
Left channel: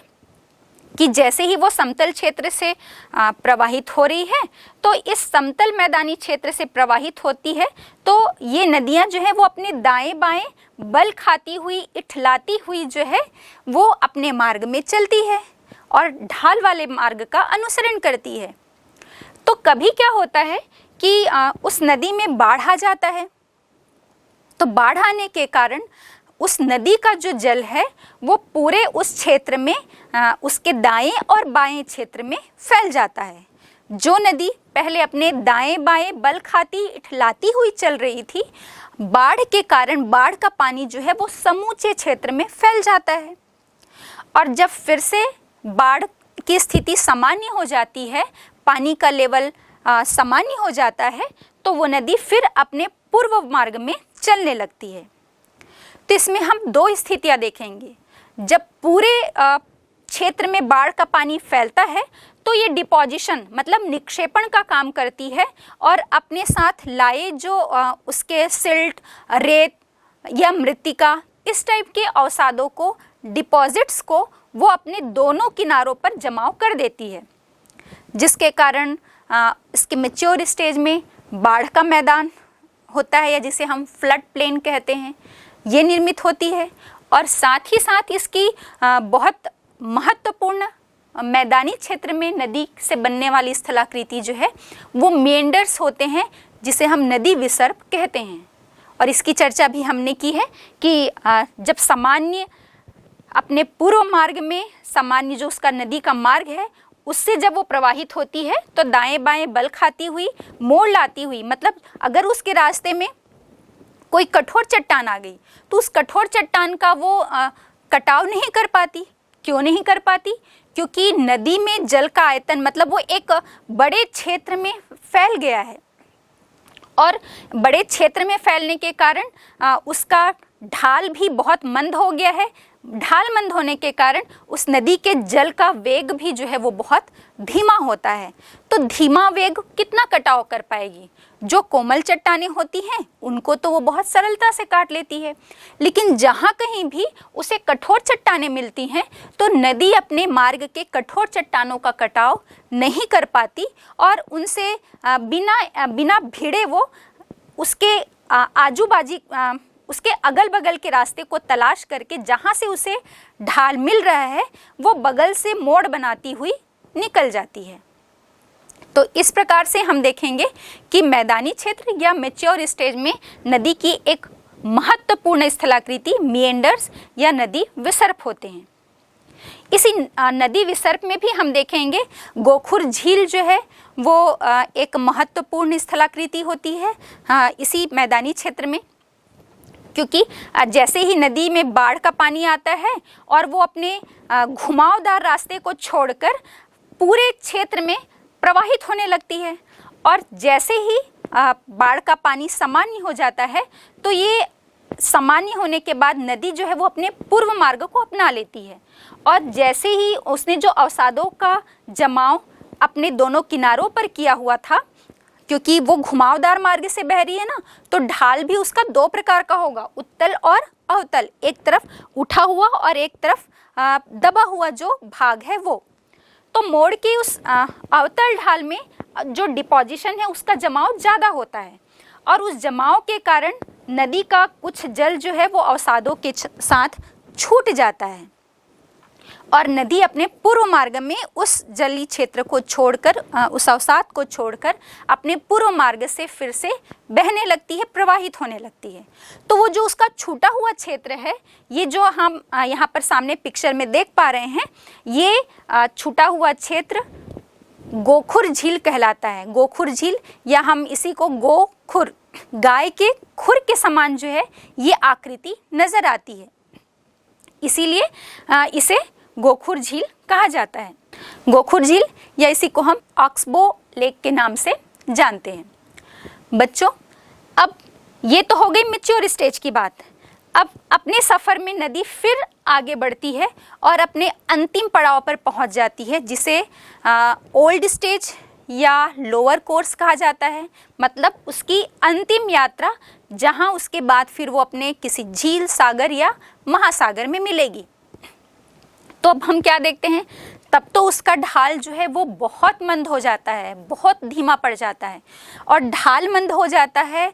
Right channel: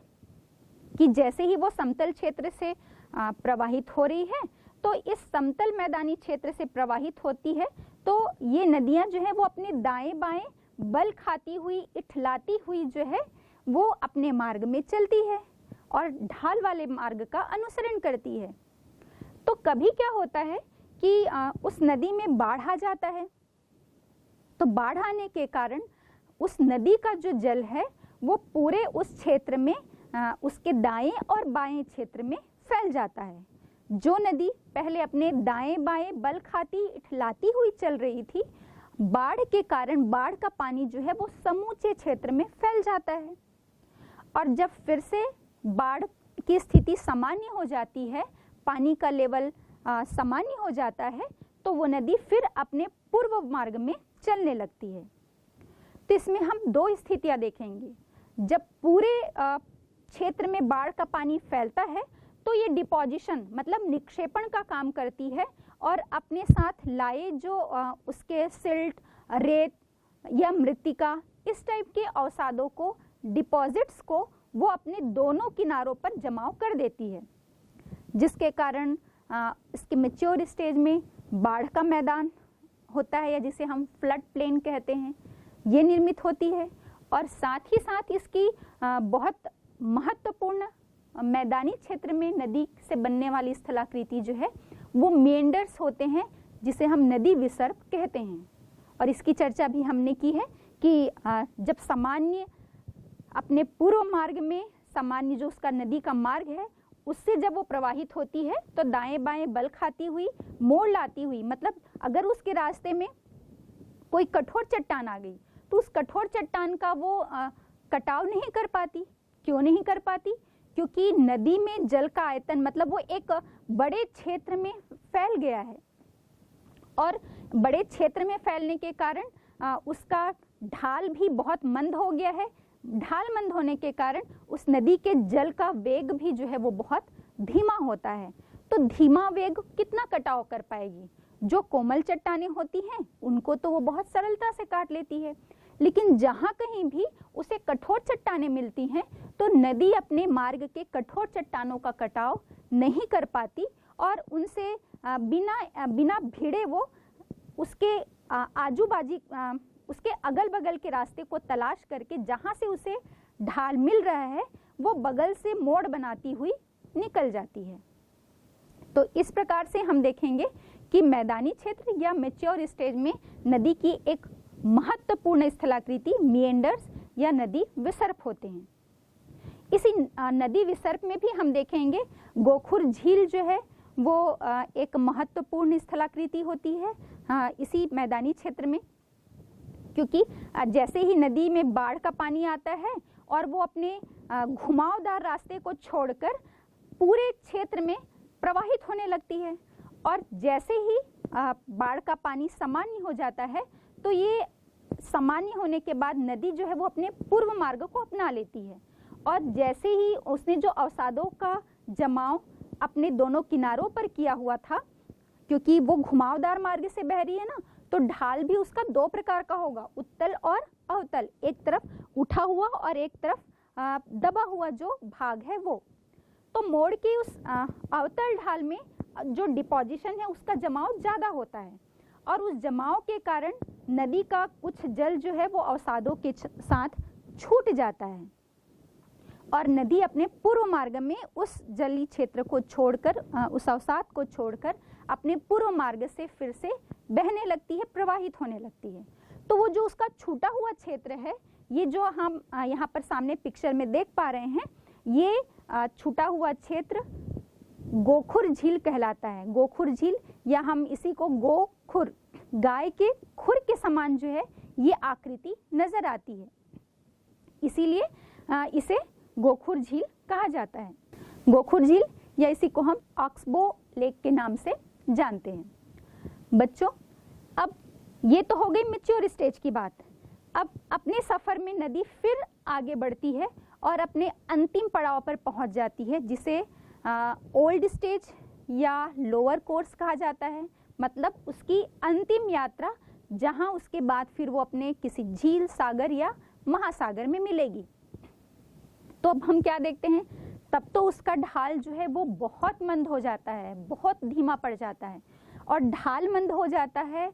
कि जैसे ही वो समतल क्षेत्र से प्रवाहित हो रही है, तो इस समतल मैदानी क्षेत्र से प्रवाहित होती है, तो ये नदियां जो है वो अपने दाएं बाएं बल खाती हुई, इठलाती हुई जो है वो अपने मार्ग में चलती है और ढाल वाले मार्ग का अनुसरण करती है। तो कभी क्या होता है कि उस नदी में बाढ़ आ जाता है, तो बाढ़ आने के कारण उस नदी का जो जल है वो पूरे उस क्षेत्र में, उसके दाएं और बाएं क्षेत्र में फैल जाता है। जो नदी पहले अपने दाएं बाएं बल खाती, इठलाती हुई चल रही थी, बाढ़ के कारण बाढ़ का पानी जो है वो समूचे क्षेत्र में फैल जाता है। और जब फिर से बाढ़ की स्थिति सामान्य हो जाती है, पानी का लेवल सामान्य हो जाता है, तो वो नदी फिर अपने पूर्व मार्ग में चलने लगती है। तो इसमें हम दो स्थितियां देखेंगे। जब पूरे क्षेत्र में बाढ़ का पानी फैलता है तो ये डिपोजिशन मतलब निक्षेपण का काम करती है और अपने साथ लाए जो उसके सिल्ट, रेत या मृत्तिका, इस टाइप के अवसादों को, डिपॉजिट्स को वो अपने दोनों किनारों पर जमाव कर देती है, जिसके कारण इसके मैच्योर स्टेज में बाढ़ का मैदान होता है या जिसे हम फ्लड प्लेन कहते हैं, ये निर्मित होती है। और साथ ही साथ इसकी बहुत महत्वपूर्ण मैदानी क्षेत्र में नदी से बनने वाली स्थलाकृति जो है वो मेंडर्स होते हैं, जिसे हम नदी विसर्प कहते हैं। और इसकी चर्चा भी हमने की है कि जब सामान्य अपने पूर्व मार्ग में, सामान्य जो उसका नदी का मार्ग है उससे जब वो प्रवाहित होती है तो दाएं बाएं बल खाती हुई, मोड़ लाती हुई, मतलब अगर उसके रास्ते में कोई कठोर चट्टान आ गई तो उस कठोर चट्टान का वो कटाव नहीं कर पाती। क्यों नहीं कर पाती? क्योंकि नदी में जल का आयतन मतलब वो एक बड़े क्षेत्र में फैल गया है और बड़े क्षेत्र में फैलने के कारण उसका ढाल भी बहुत मंद हो गया है। ढाल मंद होने के कारण उस नदी के जल का वेग भी जो है वो बहुत धीमा होता है। तो धीमा वेग कितना कटाव कर पाएगी? जो कोमल चट्टानें होती हैं उनको तो वो बहुत सरलता से काट लेती है, लेकिन जहाँ कहीं भी उसे कठोर चट्टानें मिलती हैं तो नदी अपने मार्ग के कठोर चट्टानों का कटाव नहीं कर पाती और उनसे बिना भिड़े वो उसके आजू बाजू उसके अगल बगल के रास्ते को तलाश करके जहाँ से उसे ढाल मिल रहा है वो बगल से मोड़ बनाती हुई निकल जाती है। तो इस प्रकार से हम देखेंगे कि मैदानी क्षेत्र या मैच्योर स्टेज में नदी की एक महत्वपूर्ण स्थलाकृति मेंडर्स या नदी विसर्प होते हैं। इसी नदी विसर्प में भी हम देखेंगे गोखुर झील जो है वो एक महत्वपूर्ण स्थलाकृति होती है इसी मैदानी क्षेत्र में, क्योंकि जैसे ही नदी में बाढ़ का पानी आता है और वो अपने घुमावदार रास्ते को छोड़कर पूरे क्षेत्र में प्रवाहित होने लगती है और जैसे ही बाढ़ का पानी सामान्य हो जाता है तो ये सामान्य होने के बाद नदी जो है वो अपने पूर्व मार्ग को अपना लेती है और जैसे ही उसने जो अवसादों का जमाव अपने दोनों किनारों पर किया हुआ था, क्योंकि वो घुमावदार मार्ग से बह रही है ना, तो ढाल भी उसका दो प्रकार का होगा, उत्तल और अवतल। एक तरफ उठा हुआ और एक तरफ दबा हुआ जो भाग है वो। तो मोड़ की उस अवतल ढाल में जो डिपोजिशन है उसका जमाव ज़्यादा होता है और उस जमाव के कारण नदी का कुछ जल जो है वो अवसादों के साथ छूट जाता है और नदी अपने पूर्व मार्ग में उस जलीय क्षेत्र को छोड़कर, उस अवसाद को छोड़कर अपने पूर्व मार्ग से फिर से बहने लगती है, प्रवाहित होने लगती है। तो वो जो उसका छूटा हुआ क्षेत्र है, ये जो हम यहाँ पर सामने पिक्चर में देख पा रहे हैं, ये छूटा हुआ क्षेत्र गोखुर झील कहलाता है। गोखुर झील या हम इसी को गोखुर, गाय के खुर के समान जो है ये आकृति नजर आती है, इसीलिए इसे गोखुर झील कहा जाता है। गोखुर झील या इसी को हम ऑक्सबो लेक के नाम से जानते हैं। बच्चों, अब ये तो हो गई मैच्योर स्टेज की बात। अब अपने सफ़र में नदी फिर आगे बढ़ती है और अपने अंतिम पड़ाव पर पहुंच जाती है, जिसे ओल्ड स्टेज या लोअर कोर्स कहा जाता है। मतलब उसकी अंतिम यात्रा, जहां उसके बाद फिर वो अपने किसी झील, सागर या महासागर में मिलेगी। तो अब हम क्या देखते हैं, तब तो उसका ढाल जो है वो बहुत मंद हो जाता है, बहुत धीमा पड़ जाता है। और ढाल मंद हो जाता है,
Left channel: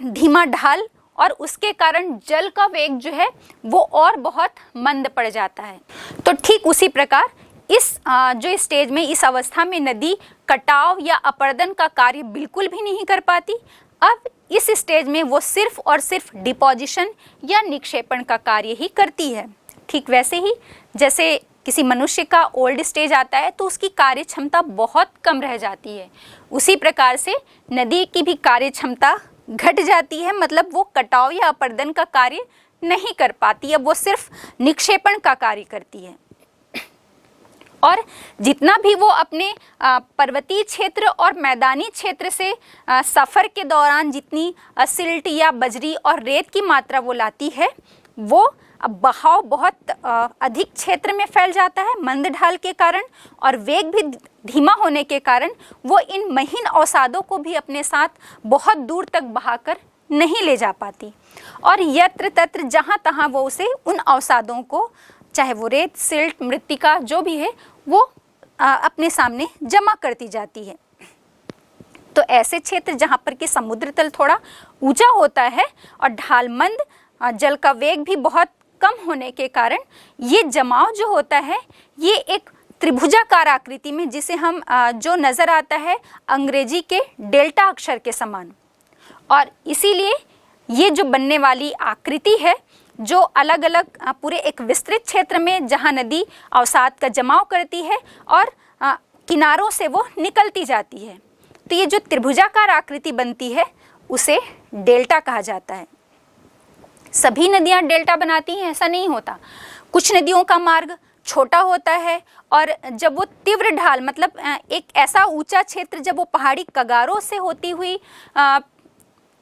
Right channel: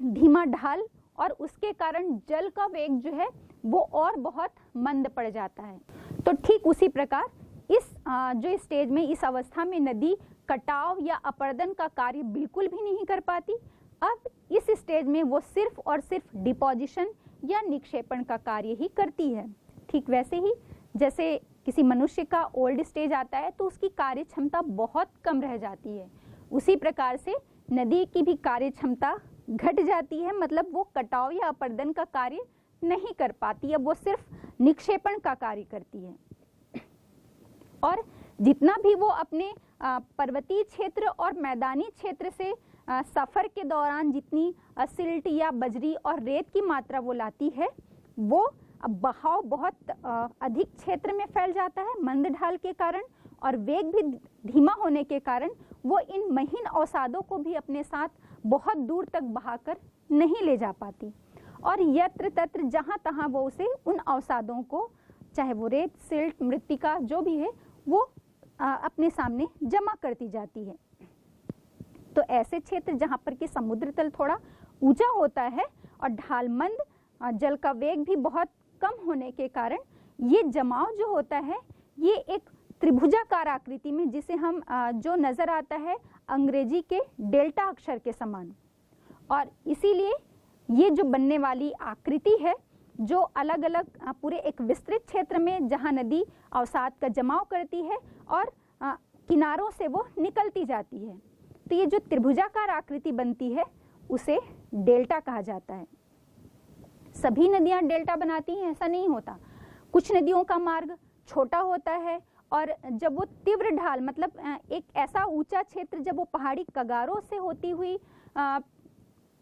धीमा ढाल, और उसके कारण जल का वेग जो है वो और बहुत मंद पड़ जाता है। तो ठीक उसी प्रकार इस जो स्टेज में, इस अवस्था में नदी कटाव या अपर्दन का कार्य बिल्कुल भी नहीं कर पाती। अब इस स्टेज में वो सिर्फ और सिर्फ डिपोजिशन या निक्षेपण का कार्य ही करती है। ठीक वैसे ही जैसे किसी मनुष्य का ओल्ड स्टेज आता है तो उसकी कार्य क्षमता बहुत कम रह जाती है, उसी प्रकार से नदी की भी कार्य क्षमता घट जाती है। मतलब वो कटाव या अपर्दन का कार्य नहीं कर पाती, अब वो सिर्फ निक्षेपण का कार्य करती है। और जितना भी वो अपने पर्वतीय क्षेत्र और मैदानी क्षेत्र से सफ़र के दौरान जितनी सिल्ट या बजरी और रेत की मात्रा वो लाती है, वो बहाव बहुत अधिक क्षेत्र में फैल जाता है मंद ढाल के कारण, और वेग भी धीमा होने के कारण वो इन महीन अवसादों को भी अपने साथ बहुत दूर तक बहाकर नहीं ले जा पाती। और यत्र तत्र जहाँ तहाँ वो उसे उन अवसादों को, चाहे वो रेत, सिल्ट, मृत्तिका जो भी है, वो अपने सामने जमा करती जाती है। तो ऐसे क्षेत्र जहाँ पर कि समुद्र तल थोड़ा ऊंचा होता है और ढाल मंद, जल का वेग भी बहुत कम होने के कारण ये जमाव जो होता है ये एक त्रिभुजाकार आकृति में, जिसे हम जो नज़र आता है अंग्रेजी के डेल्टा अक्षर के समान, और इसीलिए ये जो बनने वाली आकृति है जो अलग अलग पूरे एक विस्तृत क्षेत्र में जहाँ नदी अवसाद का जमाव करती है और किनारों से वो निकलती जाती है, तो ये जो त्रिभुजाकार आकृति बनती है उसे डेल्टा कहा जाता है। सभी नदियाँ डेल्टा बनाती हैं ऐसा नहीं होता, कुछ नदियों का मार्ग छोटा होता है, और जब वो तीव्र ढाल, मतलब एक ऐसा ऊंचा क्षेत्र जब वो पहाड़ी कगारों से होती हुई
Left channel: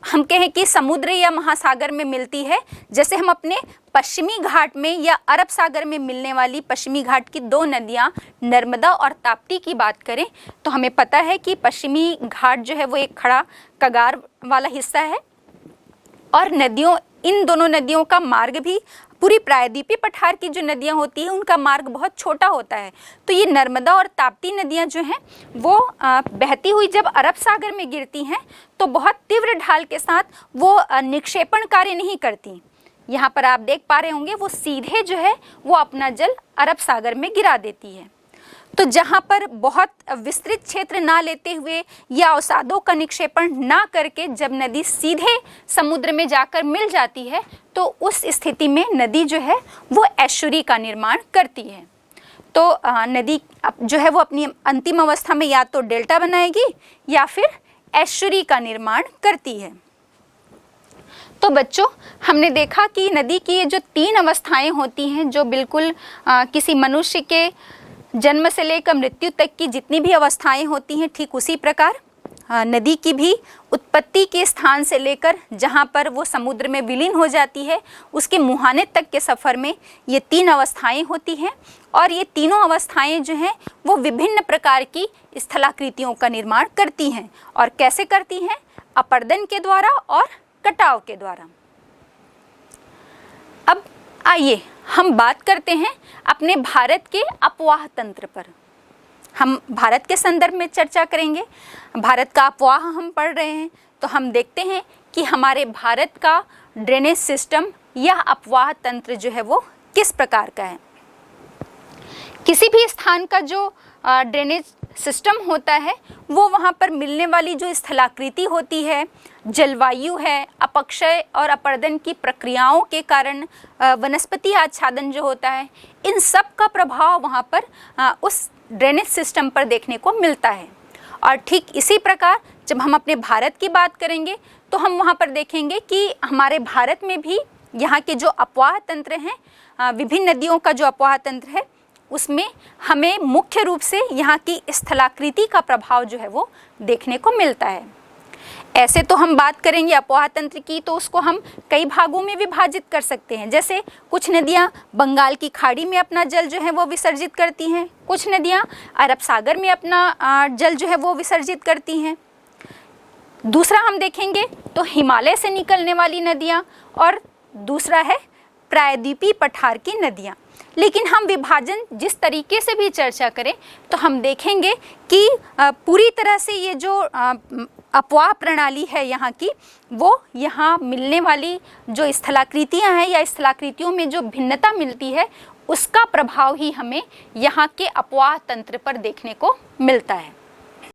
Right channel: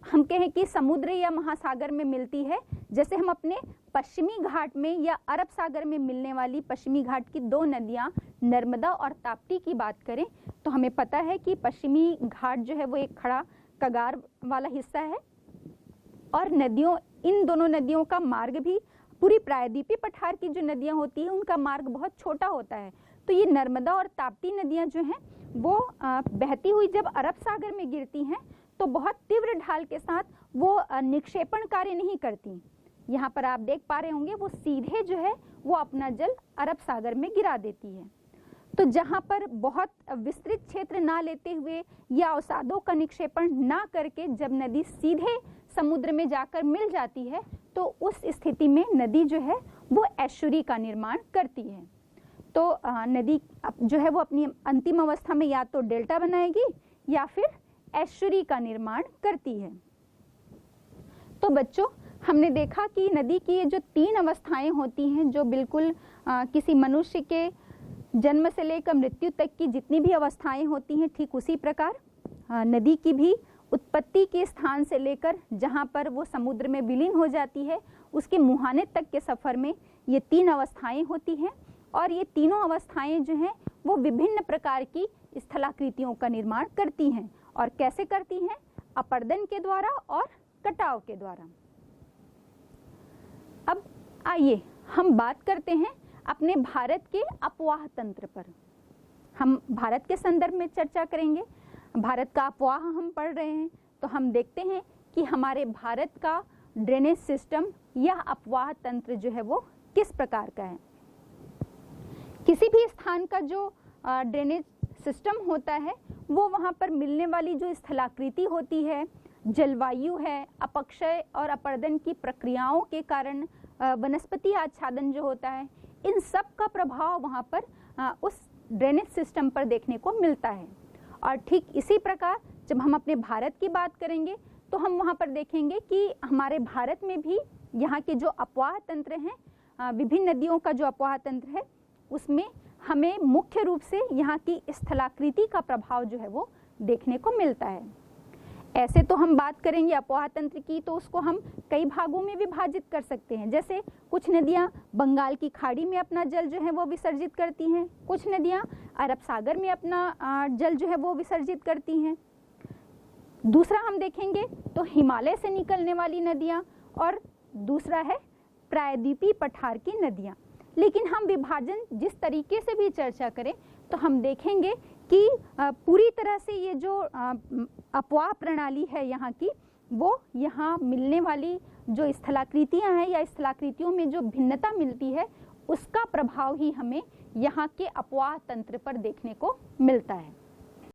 हम कहें कि समुद्र या महासागर में मिलती है, जैसे हम अपने पश्चिमी घाट में या अरब सागर में मिलने वाली पश्चिमी घाट की दो नदियां नर्मदा और ताप्ती की बात करें, तो हमें पता है कि पश्चिमी घाट जो है वो एक खड़ा कगार वाला हिस्सा है, और इन दोनों नदियों का मार्ग भी, पूरी प्रायद्वीपीय पठार की जो नदियां होती हैं उनका मार्ग बहुत छोटा होता है। तो ये नर्मदा और ताप्ती नदियां जो हैं वो बहती हुई जब अरब सागर में गिरती हैं तो बहुत तीव्र ढाल के साथ वो निक्षेपण कार्य नहीं करती। यहाँ पर आप देख पा रहे होंगे वो सीधे जो है वो अपना जल अरब सागर में गिरा देती है। तो जहाँ पर बहुत विस्तृत क्षेत्र ना लेते हुए या अवसादों का निक्षेपण ना करके जब नदी सीधे समुद्र में जाकर मिल जाती है तो उस स्थिति में नदी जो है वो एस्चुरी का निर्माण करती है। तो नदी जो है वो अपनी अंतिम अवस्था में या तो डेल्टा बनाएगी या फिर एस्चुरी का निर्माण करती है। तो बच्चों, हमने देखा कि नदी की ये जो 3 अवस्थाएं होती हैं, जो बिल्कुल किसी मनुष्य के जन्म से लेकर मृत्यु तक की जितनी भी अवस्थाएं होती हैं, ठीक उसी प्रकार नदी की भी उत्पत्ति के स्थान से लेकर जहाँ पर वो समुद्र में विलीन हो जाती है उसके मुहाने तक के सफ़र में ये 3 अवस्थाएं होती हैं। और ये तीनों अवस्थाएं जो हैं वो विभिन्न प्रकार की स्थलाकृतियों का निर्माण करती हैं। और कैसे करती हैं? अपर्दन के द्वारा और कटाव के द्वारा। अब आइए हम बात करते हैं अपने भारत के अपवाह तंत्र पर। हम भारत के संदर्भ में चर्चा करेंगे। भारत का अपवाह हम पढ़ रहे हैं तो हम देखते हैं कि हमारे भारत का ड्रेनेज सिस्टम या अपवाह तंत्र जो है वो किस प्रकार का है। किसी भी स्थान का जो ड्रेनेज सिस्टम होता है वो वहाँ पर मिलने वाली जो स्थलाकृति होती है, जलवायु है, अपक्षय और अपर्दन की प्रक्रियाओं के कारण वनस्पति आच्छादन जो होता है, इन सब का प्रभाव वहाँ पर उस ड्रेनेज सिस्टम पर देखने को मिलता है। और ठीक इसी प्रकार जब हम अपने भारत की बात करेंगे तो हम वहाँ पर देखेंगे कि हमारे भारत में भी यहाँ के जो अपवाह तंत्र हैं, विभिन्न नदियों का जो अपवाह तंत्र है, उसमें हमें मुख्य रूप से यहाँ की स्थलाकृति का प्रभाव जो है वो देखने को मिलता है। ऐसे तो हम बात करेंगे अपवाह तंत्र की, तो उसको हम कई भागों में विभाजित कर सकते हैं। जैसे कुछ नदियाँ बंगाल की खाड़ी में अपना जल जो है वो विसर्जित करती हैं, कुछ नदियाँ अरब सागर में अपना जल जो है वो विसर्जित करती हैं। दूसरा हम देखेंगे तो हिमालय से निकलने वाली नदियाँ, और दूसरा है प्रायद्वीपीय पठार की नदियाँ। लेकिन हम विभाजन जिस तरीके से भी चर्चा करें तो हम देखेंगे कि पूरी तरह से ये जो अपवाह प्रणाली है यहाँ की, वो यहाँ मिलने वाली जो स्थलाकृतियाँ हैं या स्थलाकृतियों में जो भिन्नता मिलती है, उसका प्रभाव ही हमें यहाँ के अपवाह तंत्र पर देखने को मिलता है।